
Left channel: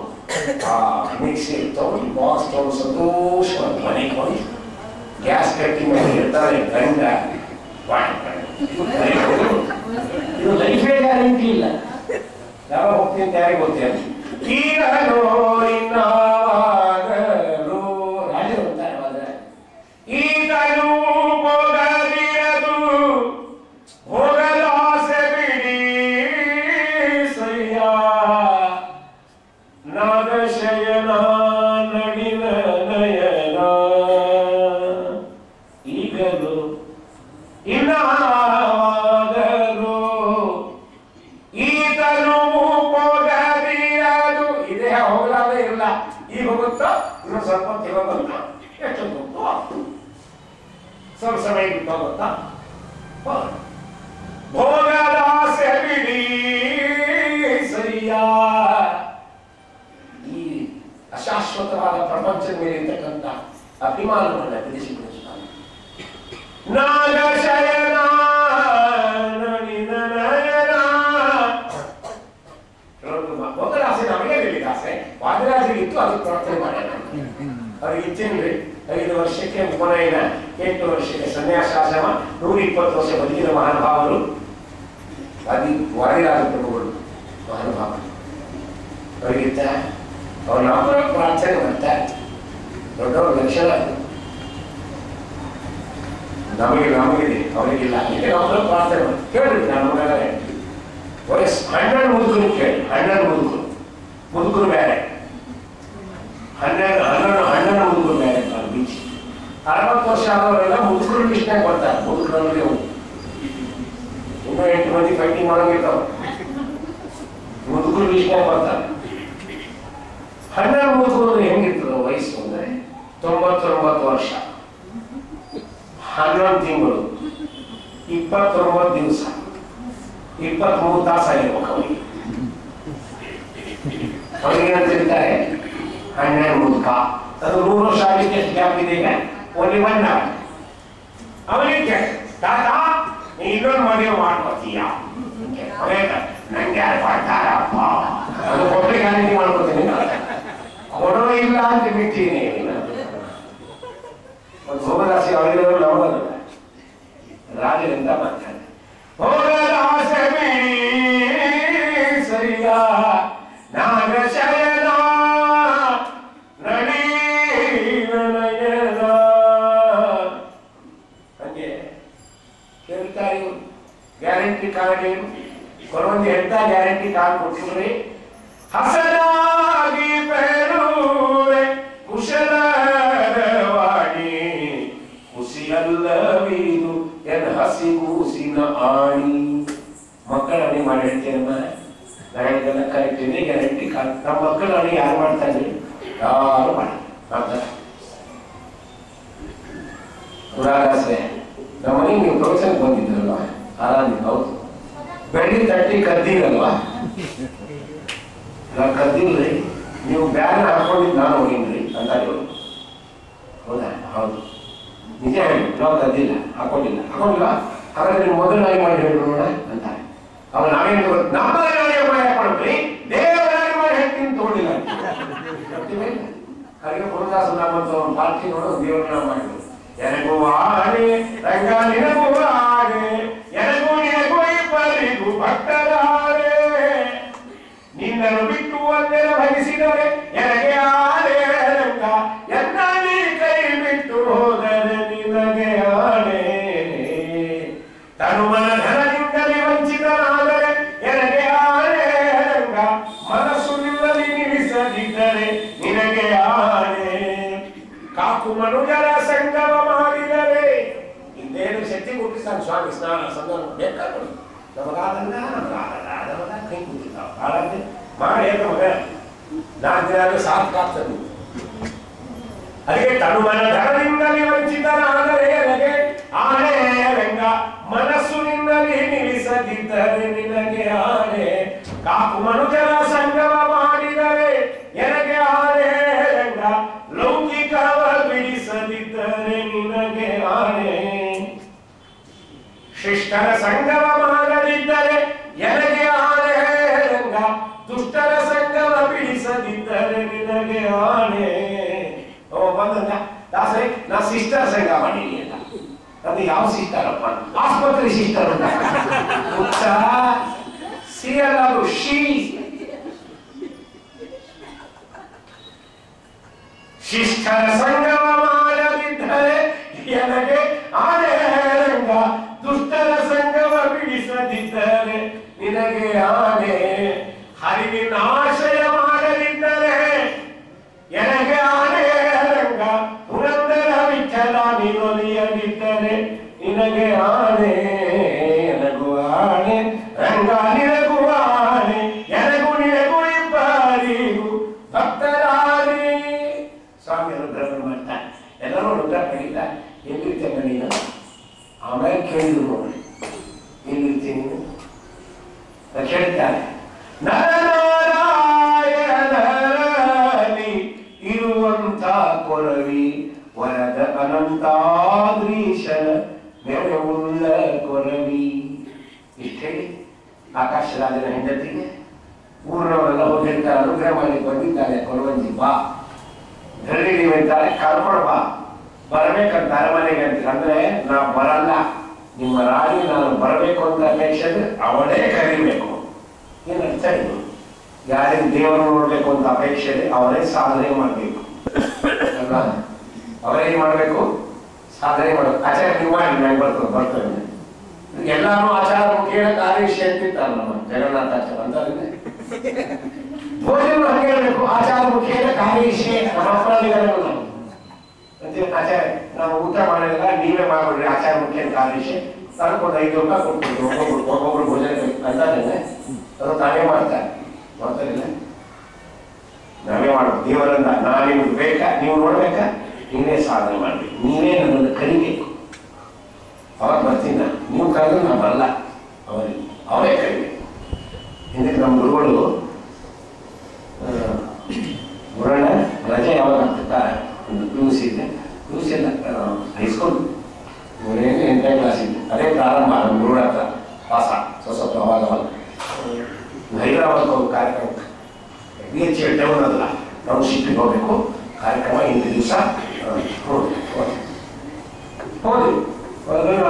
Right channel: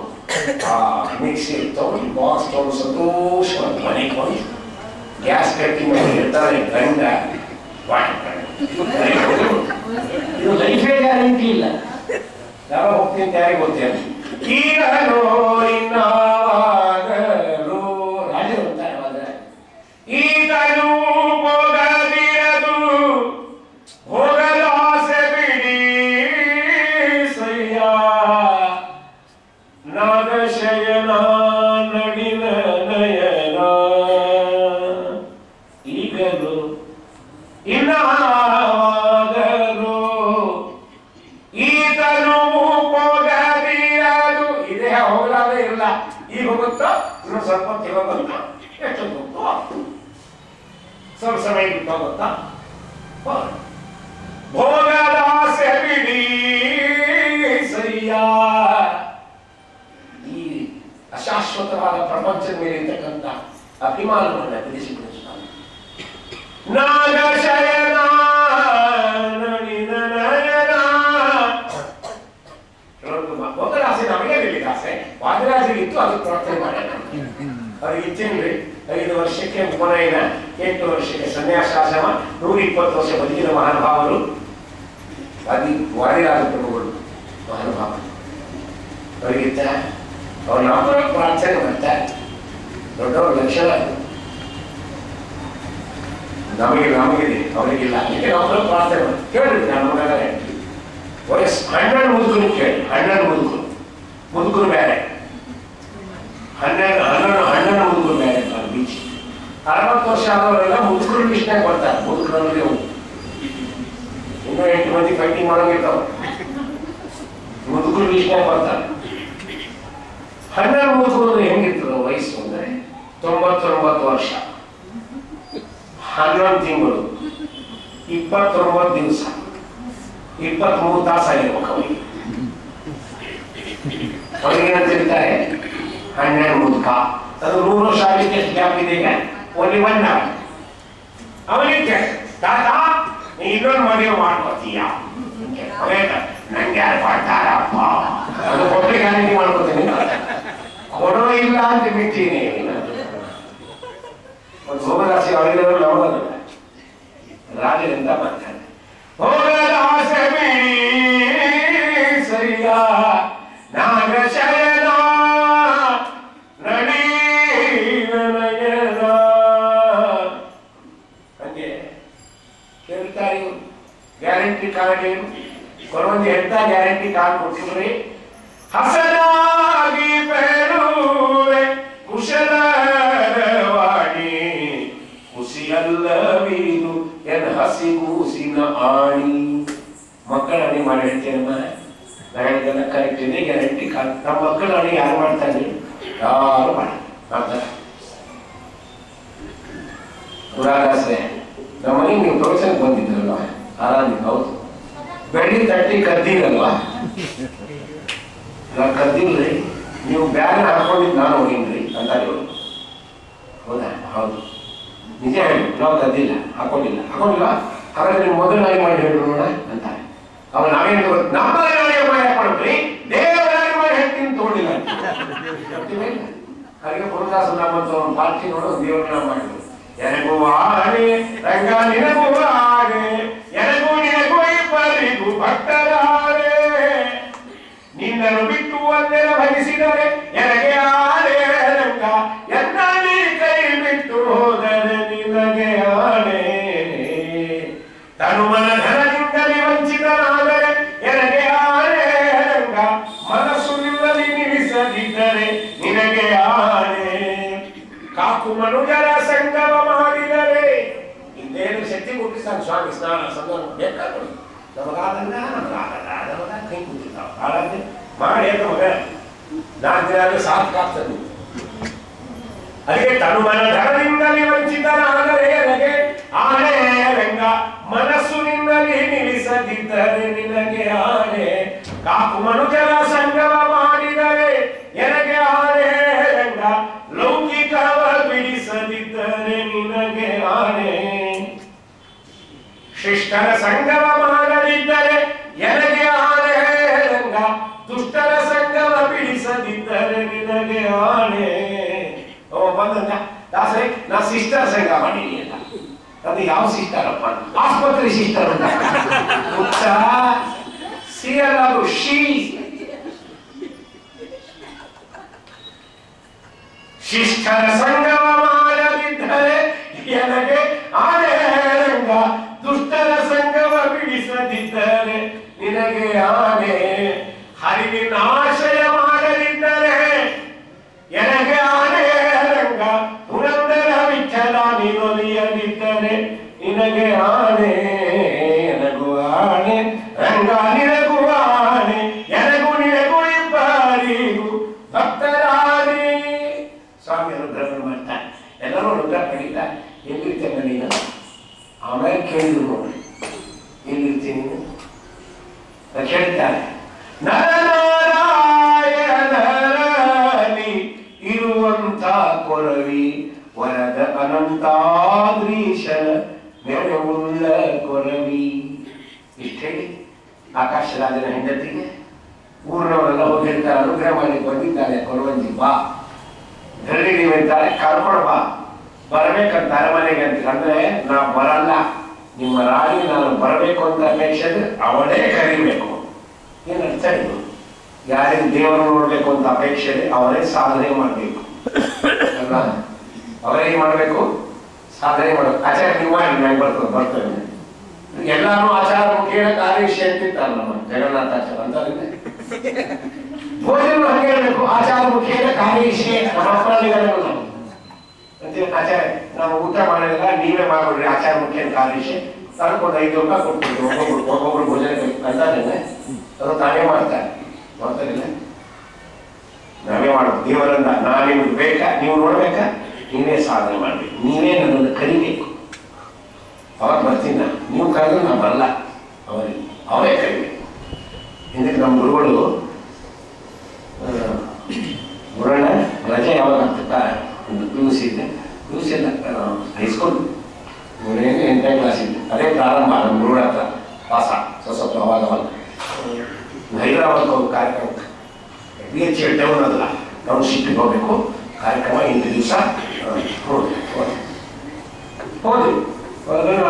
ಆ ಮಿಕ್ಸಿ ತಗೊಂಡು ಬಾಕ್ಸ್ ತಗೊಂಡು ಸಂತೋಷವಾಗಿ ಮನೆಗೆ ಬಂದು ಗ್ಯಾಸ್ ಕಟ್ಟಿ ಮೇಲೆ ಇರ್ತಾರೆ ಗಂಡ ಇದು ಲೈಫೇ ಗ್ಯಾರಂಟಿ ಇಲ್ಲ ಯಾವಾಗ ಹೋಗ್ತೀನಿ ಅಂತ ಯಾರಿಗೆ ಗೊತ್ತೇನು ಈಗಲೋ ಇನ್ನಾಗಲೋ ರಾಜರು ಅಂತಾರೆ ಅವಾಗ ಈಗಲೂ ಹೋಗದಿರದು ಹೋಗಲು ಆಸೆ ಬಿಡಿ ಸಯ್ಯ ನಾಗಶಯನ ನಡಿನ ನಯನ ಈಗಲೂ ಇನ್ನಾಗಲೋ ಈತನು ಹೋಗದಿರದು ಇದೇ ಹೋಗಲಾದ್ರೆ ಇಲ್ಲ ಈಗ ಹೋಗುತ್ತಾ ಇನ್ನು ಸ್ವಲ್ಪ ತಿಂಗಳು ಬಂತು ಎಷ್ಟೊಂದು ಸ್ವಲ್ಪ ಸಮಯ ಬಿಟ್ಟು ಹೋಗುತ್ತಾ ಭೋಗದ ಆಸೆ ಬಿಡಿ ಸಯ್ಯ ಈ ಅಶಾಶ್ವತವಾದ ಪ್ರಪಂಚದ ಮೇಲೆ ಇರ್ತಕ್ಕಂಥ ಅಭಿಮಾನವನ್ನು ಬಿಡಿಸಿಬಿಡಿಸುತ್ತಾನೆ ನಾಗಶಯನ ನಳಿನ ನಯನ ಭೋಗದ ಆಸೆ ನಮಗೆ ಬೀಳಿದ ಆಸೆ ವಾದಿರಾಜರಿಗಿತ್ತು ಅದಕ್ಕೆ ಪ್ರಾರ್ಥನೆ ಮಾಡೋಣ ಅವ್ರಿಗೆ ಇಚ್ಛೆನ್ರಿ 5 ವರ್ಷಕ್ಕೆ ಉಪನಯನ 8 ವರ್ಷಕ್ಕೆ ಸನ್ಯಾಸಾಶ್ರಮ 120 ವರ್ಷ ಬದುಕಿದ ಮಹಾನುಭಾವರು ವಾದಿರಾಜ ಪ್ರಭುಗಳು ಮಹಾನುಭಾವರು ಅವರಿಗಿತ್ತ ಅವ್ರು ನಾವು ಪ್ರಾರ್ಥನೆ ಮಾಡ್ತಾರೆ ದೊಡ್ಡವ್ರ ಲಕ್ಷಣ ನಮಗಿದೆ ಅವರಿಗಿಲ್ಲ ಅದಕ್ಕೆ ನಾವು ಪ್ರಾರ್ಥನೆ ಕೇಳಿದ್ವಿ ನಾನು ವಯಸ್ಸು 12 ಮುದುಕರು ಕೇಳಿ 12 ಮುದುಕರು ಬೇರೆ 12 ಮುದುಕರು ಬೇರೆ ಬೀಚ್ 60 ವರ್ಷ ಆದವರೆಲ್ಲ ಮುದುಕರು ಲಿಸ್ಟ್ನಾಗ ಬರ್ತಾರೆ ಮುದುಕರಲ್ಲಿ ಇನ್ನೂ 8 ಮಂದಿ ಫೈಟಿಂಗ್ ಮಾಡೋಂಗಿರ್ತಾವ ಮುದುಕರು ಲಿಸ್ಟ್ನಾಗ ಬರ್ತಾರೆ 12 ಮುದುಕರು ಹೆಂಗಿರ್ತದ ವಯಸ್ಸು ಅಂದ್ರೆ 99 ವರ್ಷ 11 ತಿಂಗಳು 29 ದಿವಸ 23 ತಾಸು ಆಗಿರ್ಬೇಕು ಅವರಿಗೆ ಅಂತ ಹೇಳ್ತಾರೆ 12 ಮುದುಕ ಅದು 100 ವರ್ಷ ಆಗಲಿಕ್ಕೆ ಎಷ್ಟು ಗ್ಯಾಪ್ ಇದೆ ಈಗ ಓನ್ಲಿ 1 ಅವರ್ ಅವನಿಗೆ ತಾತ ನೀ ಇನ್ನೊಂದು ಮದುವೆ ಮಾಡ್ಕೋತೀಯ ನಂಗೆ ಯಾರು ಮಾಡ್ತಾರಪ್ಪ ಅದು ಕೊಟ್ಟೆ ಗ್ಯಾರಂಟಿ ಮಾಡ್ಕೋತೀನಿ ಕೊಡೋ ಇಲ್ಲ ಅಂತ ಬಿಡ್ತೀನಿ ಒಂದು ಭೋಗದಾಸಿ ಅವರಿಗೆ ನಮ್ಮದಲ್ಲ ರಾಜರಿಂದ ಮಾಡ್ತಾರೆ ಭೋಗದಾಸೆ ಬಿಡಿ ಸರಿಯ ನಾಗಶಯನ ನಳಿನ ನಯನ ಹಂಗೆ ಕೇಳ್ತಾರೆ ಗ್ಯಾರಂಟಿ ಕಾರ್ಡ್ ಏನು ಕೊರೊಂದು ಎಂತ ಗ್ಯಾರಂಟಿ ಕಾರ್ಡ್ ಕೊಟ್ಟಿದ್ರಿ ಹಸನಾಗಿ ಪೆರುವೆ ಕುಶಲವಾಣಿ ಹುಸಿಯಲ್ಲವೀದು ಎನ್ ಹಸಿಗೂಸಿನ ಆಣಿ. ಮಕ್ಕಳ ಅಣಿ ಮಾಡಿ ಹೇಳ್ತೇನಮ್ಮ, ನಾ ಹೇಳಿದೆಲ್ಲ ಕರೆಕ್ಟ್ ಇದೆ, ಗ್ಯಾರಂಟಿ. ನಮ್ಮ ಮಕ್ಕಳ ಅಣಿ ಯಾರು ಮಾಡ್ತಾ ಇದ್ರಿ? ಯಾರು ಮಾಡ್ತಾರೆ. ಪುರಾಣಾಶ್ರಯ ನಮ್ಮ ಮನೆಗೆ ನೀವು ಪ್ರವಚನಕ್ಕೆ ಬಂದಿದ್ರಲ್ವ, ಆರಾಧಿಕ. ಹೌದು, ಬೆಳ್ಳಿ ತಟ್ಟಿ ಕದ್ದಿರಲ್ವಾ? ನಾನು ಕದ್ದಿಲ್ರಿ, ನೀವು ಬ್ಯಾಗ್ ಹಾಕೊಂಡಿದ್ದು ನಾನು ಹೋಗಿನ್ರಿ ಅಂತ ಹೇಳಿ. ಹೌದಾ? ಹೌದು, ನಿಜ ಹೇಳಿ, ನಾವು ಕದ್ದಿಲ್ಲ, ಹಾಕೊಂಡಿಲ್ಲ. ಹಾಗಾದ್ರೆ ನೀವು ಮೊದಲು ನಾಯಿ ಮಾಡಿ ಹೇಳಿ ನೋಡ ಅಂತ. ಅವ್ರು ನಾವೇನು ನಮ್ಮ ನಾಯಿ ಮಾಡಿ ಹಾಕೊಂಡ್ರಿ, ದೇವರ ಮಾಡಿ ಹೇಳ್ತೀನಿ ತೋಡಿಲ್ಲ. ಹಾಗೆ ಪುರದಾಸ ನಮ್ಮಂತ ಒಂದು ಪಾರ್ಟಿ ನೋಡೋದು ದೇವರನ್ನ ಮಾಡಿದ್ರು. ಎನಗೂ ಆನೆ ರಂಗ ನಿನಗೂ ಆನೆ, ಎನಗೂ ನಿನಗೂ ಇಬ್ಬರಿಗೂ ಭಕ್ತರಾರೆ, ನಿನ್ನನ್ನು ಬಿಟ್ಟು ಒಂದೆನ ಭರಿಸಿದರೆ ಎನಗೆ ಆನೆ ರಂಗ, ಎನ್ನ ನೀ ಕೈ ಬಿಟ್ಟು ಹೋದರೆ ನಿನಗೆ ಆನೆ. ತನುಮನ ಧನದಿಂದಲೇ ವಂಚಿತನಾದರೆ ಎನಗೆ ಆನೆ ರಂಗ, ಮನಸ್ಸು ನಿಮ್ಮಲ್ಲಿ ನಿಲ್ಲಿಸದಿದ್ದರೆ ನಿನಗೆ ಆನೆ. ಕಾಕು ಮನುಜರ ಸಂಗಮ ಮಾಡಿದರೆ ಇನ್ನೇನು ಶಕ್ತಿ ಕೊಟ್ಟಿಸ್ತಾನೆ ಸ್ವಾಮಿ. ಸ್ನಾನ ಸಂಗಮ ಬೇಕಾಗ್ತದೆ ನಮಗಾದಲ್ಲ, ನಮಗಾಗಲ್ಲ, ಕೈ ಕೂತಿರ್ತಾವ ಹಾಳಾದ್ರೆ ಮಾಡಿ ಹೇಗ ಮಗ 4 ದಿನ ಸಾಕಾಗ್ತದೆ. ಅದಕ್ಕೆ ತನುಮನ ಧನದಿಂದಲೇ ವಂಚಿತನಾದರೆ ನನಗೆ ಆನೆ ರಂಗ, ಮನಸ್ಸು ನಿನ್ನಲ್ಲಿ ನಿಲ್ಲಿಸದಿದ್ದರೆ ನಿನಗೆ ಆನೆ. ಕಾಕು ಮನುಜರ ಸಂಗಮ ಮಾಡಿದರೆ ನನಗೆ ಆನೆ ರಂಗ, ಲೌಕಿಕವ ಬಿಡಿಸದಿದ್ದರೆ ನಿನಗೆ ಆನೆ. ಶಿಷ್ಟರ ಸಂಗಮ ಮಾಡದಿದ್ದರೆ ನನಗೆ ಆನೆ ರಂಗ, ದುಷ್ಟರ ಸಂಗಮ ಬಿಡಿಸದಿದ್ದರೆ ನಿನಗೆ ಆನೆ. ಬಂದ ದಾಸರೇ, ನಾ ಸಿಸ್ಟರ್ ಸಂಘ ಮಾಡೀನಿ ಅಂತ. ಅದು ಯಾವ ಸಿಸ್ಟರಪ್ಪ? ಆಸ್ಪತ್ರೆ ಸಿಸ್ಟರ್ ಅಂತ. ಸಿ ಅಲ್ಲ, ಅದು ಶೀ. ಶಿಷ್ಟರ ಸಂಗಮ ಮಾಡದಿದ್ದರೆ ನನಗೆ ಆನೆ ರಂಗ, ದುಷ್ಟರ ಸಂಗಮ ಬಿಡಿಸದಿದ್ದರೆ ನಿನಗೆ ಆನೆ. ಹರಿವಿನ ಆಶ್ರಯ ಮಾಡದಿದ್ದರೆ ನನಗೆ ಆನೆ ರಂಗ, ಪುರಂದರ ವಿಠಲ ನಿನೊಲಿಯದಿದ್ದರೆ ನಿನಗೆ ಆನೆ. ನನಗೂ ಆನೆ ರಂಗ, ನಿನಗೂ ಆನೆ, ನನಗೂ ನಿನಗೂ ಇಬ್ಬರಿಗೂ ಭಕ್ತರಾರೆ. ಸ್ವಾಮಿ ಅನುಗ್ರಹ ಮಾಡ್ತಾರೆ, ಎಲ್ಲರೂ ಅನುಗ್ರಹ ಪಡೀತಾರೆ. ಎಲ್ಲಿರ್ತೇನೆ ನೀನು? ಆಮೇಲೆ ಕೇಳಿದ್ರು ನೋಡಿ, ಎಲ್ಲಿರ್ತೀನಿ ನೀನು ಕೇಳ್ತಾರೆ. ನರನಾರಾಯಣರಲ್ಲಿ ಇರುವಂತ ಕೊರವಿ, ವರದ ಅನಂತಾದ್ರೀಶನ ಮೆರವುಳ್ಳ ಕೊರವಿ. ಇಷ್ಟ ಹೇಳಿ ಆಕಾಶರಾಜನ ಹೆಂಡತಿಗೆ ಊರಿನವರೆಲ್ಲ ಹೋಗಿರ್ತಾರೆ, ಅನುಗ್ರಹ ಮಾಡಿ ಬಂದಿದ್ದಾರೆ. ಕೊರವಂಜಿ ಬಾ, ಧರಣಿಗೆ ಅಂತಾರೆ, ಕರ್ಕೊಂಡು ಬಾ, ಬರ್ಬೇಕಂತ ಅರಮನೆಗೆ ಅಂತ. ಅಂದ್ರೆ ನಾ ಬರಲ್ಲ, ನಿಮ್ಮ ರಾಣಿ ನಾನು ಬರಬೇಕು ಅಂತ ಅಪೇಕ್ಷೆ ಅವಳೇ ಕರಿಬೇಕು. ಏನು ಅರ್ಥ ಇದು? ಯಾರಿಗೆ ದೇವರು ನೋಡ್ಬೇಕು ಅಂತ ಅಪೇಕ್ಷೆ ಇದೆ ಅವರೇ ಸಾಧನೆ ಮಾಡಬೇಕು ಅಲ್ಲ? ಅವರೇನ್ ಮಾಡ್ಬೇಕು? ಸಾಧನೆ ಮಾಡಬೇಕು. ಆಚಾರ ನೀವು ಮಾಡಿ, ನಂಗೆ ಬರ್ತದೆ. ಎಲ್ಲಾನು ಆಚಾರ ಮುಖೇನ ಕಾರ್ಯಶಿ ಅಂತಿರ್ತಾರೆ ನಮ್ಮ ಜಗನ್ನಾಥಾಚಾರ ಅಂತ. ಭೋಜನ ಹಂಗೆ ಹೇಳ್ಬೇಕು, ಆಚಾರ ಮುಖೇನ ಕಾರ್ಯಶಿ. ನಮ್ಮ ಅಪರಾಧಿಗಳು ಆಚಾರ ನಾವು ಊಟ ಮಾಡಿದಾಗ ನೀವೇ ಮಾಡ್ಬಿಡ್ರಿ, ಆಚಾರ ಮುಖೇನ ಕಾರ್ಯಶಿ. ಅದಕ್ಕೊಂದು 5 ರೂಪಾಯಿ ಕೊಡ್ತೀವಿ ಒಬ್ಬೊಬ್ರು ಭೋಜನ ಅಂತಾನೆ. ಅದು ತಾನೇ ಮಾಡ್ತಾರೆ, ಮಾಡ್ತಾರಿಲ್ಲ, ನಾವೇ ಮಾಡ್ಬೇಕು. ದೇವರನ್ನ ನಾ ನಿಮ್ಗೆ ಬೇಕಾ, ನೀವು ನೋಡ್ಬೇಕಾ, ನೀವೇ ಸಾಧನೆ ಮಾಡ್ಬೇಕು, ನೀವೇ ನನ್ನನ್ನು ಕರಿಬೇಕು. ಅವಾಗ ಬರ್ತೀನಿ. ನೀವು ಕರೆದ್ರೆ ನಾ ಬರಲ್ಲ, ಅವರೇ ಕರಿಬೇಕು. ಹಿಂದಕ್ಕೆ ನಮ್ಮ ಗುರುಗಳು ಗುರುಣ ರಜೆ ಯಾವಾಗ ಆಗ್ತಿರ್ತಾರೆ, ಒಂದು PUC ಇದೆ, PUC ಇಲ್ಲ ಹೈಸ್ಕೂಲ್ 8ನೇ ಕ್ಲಾಸ್ ಇದ್ದೆ, ಅದೇ ಪ್ರಾರಂಭ. ನಮ್ಮ ಗುರುಗಳ ಹತ್ರ ಪಾಸ ಸ್ವಲ್ಪ ಅವಾಗ ಹೈದರಾಬಾದ್ ಹೋಗಿ ಕಾರ್ಯಕ್ರಮ, BH ಟೌನ್ ಅಲ್ಲ, ಟೌನ್ಶಿಪ್ಪಿಗೆ ಹೋಗ್ಬೇಕು ಕಾರ್ಯಕ್ರಮ. 8 ದಿವಸ ಹೋದ್ವಿ.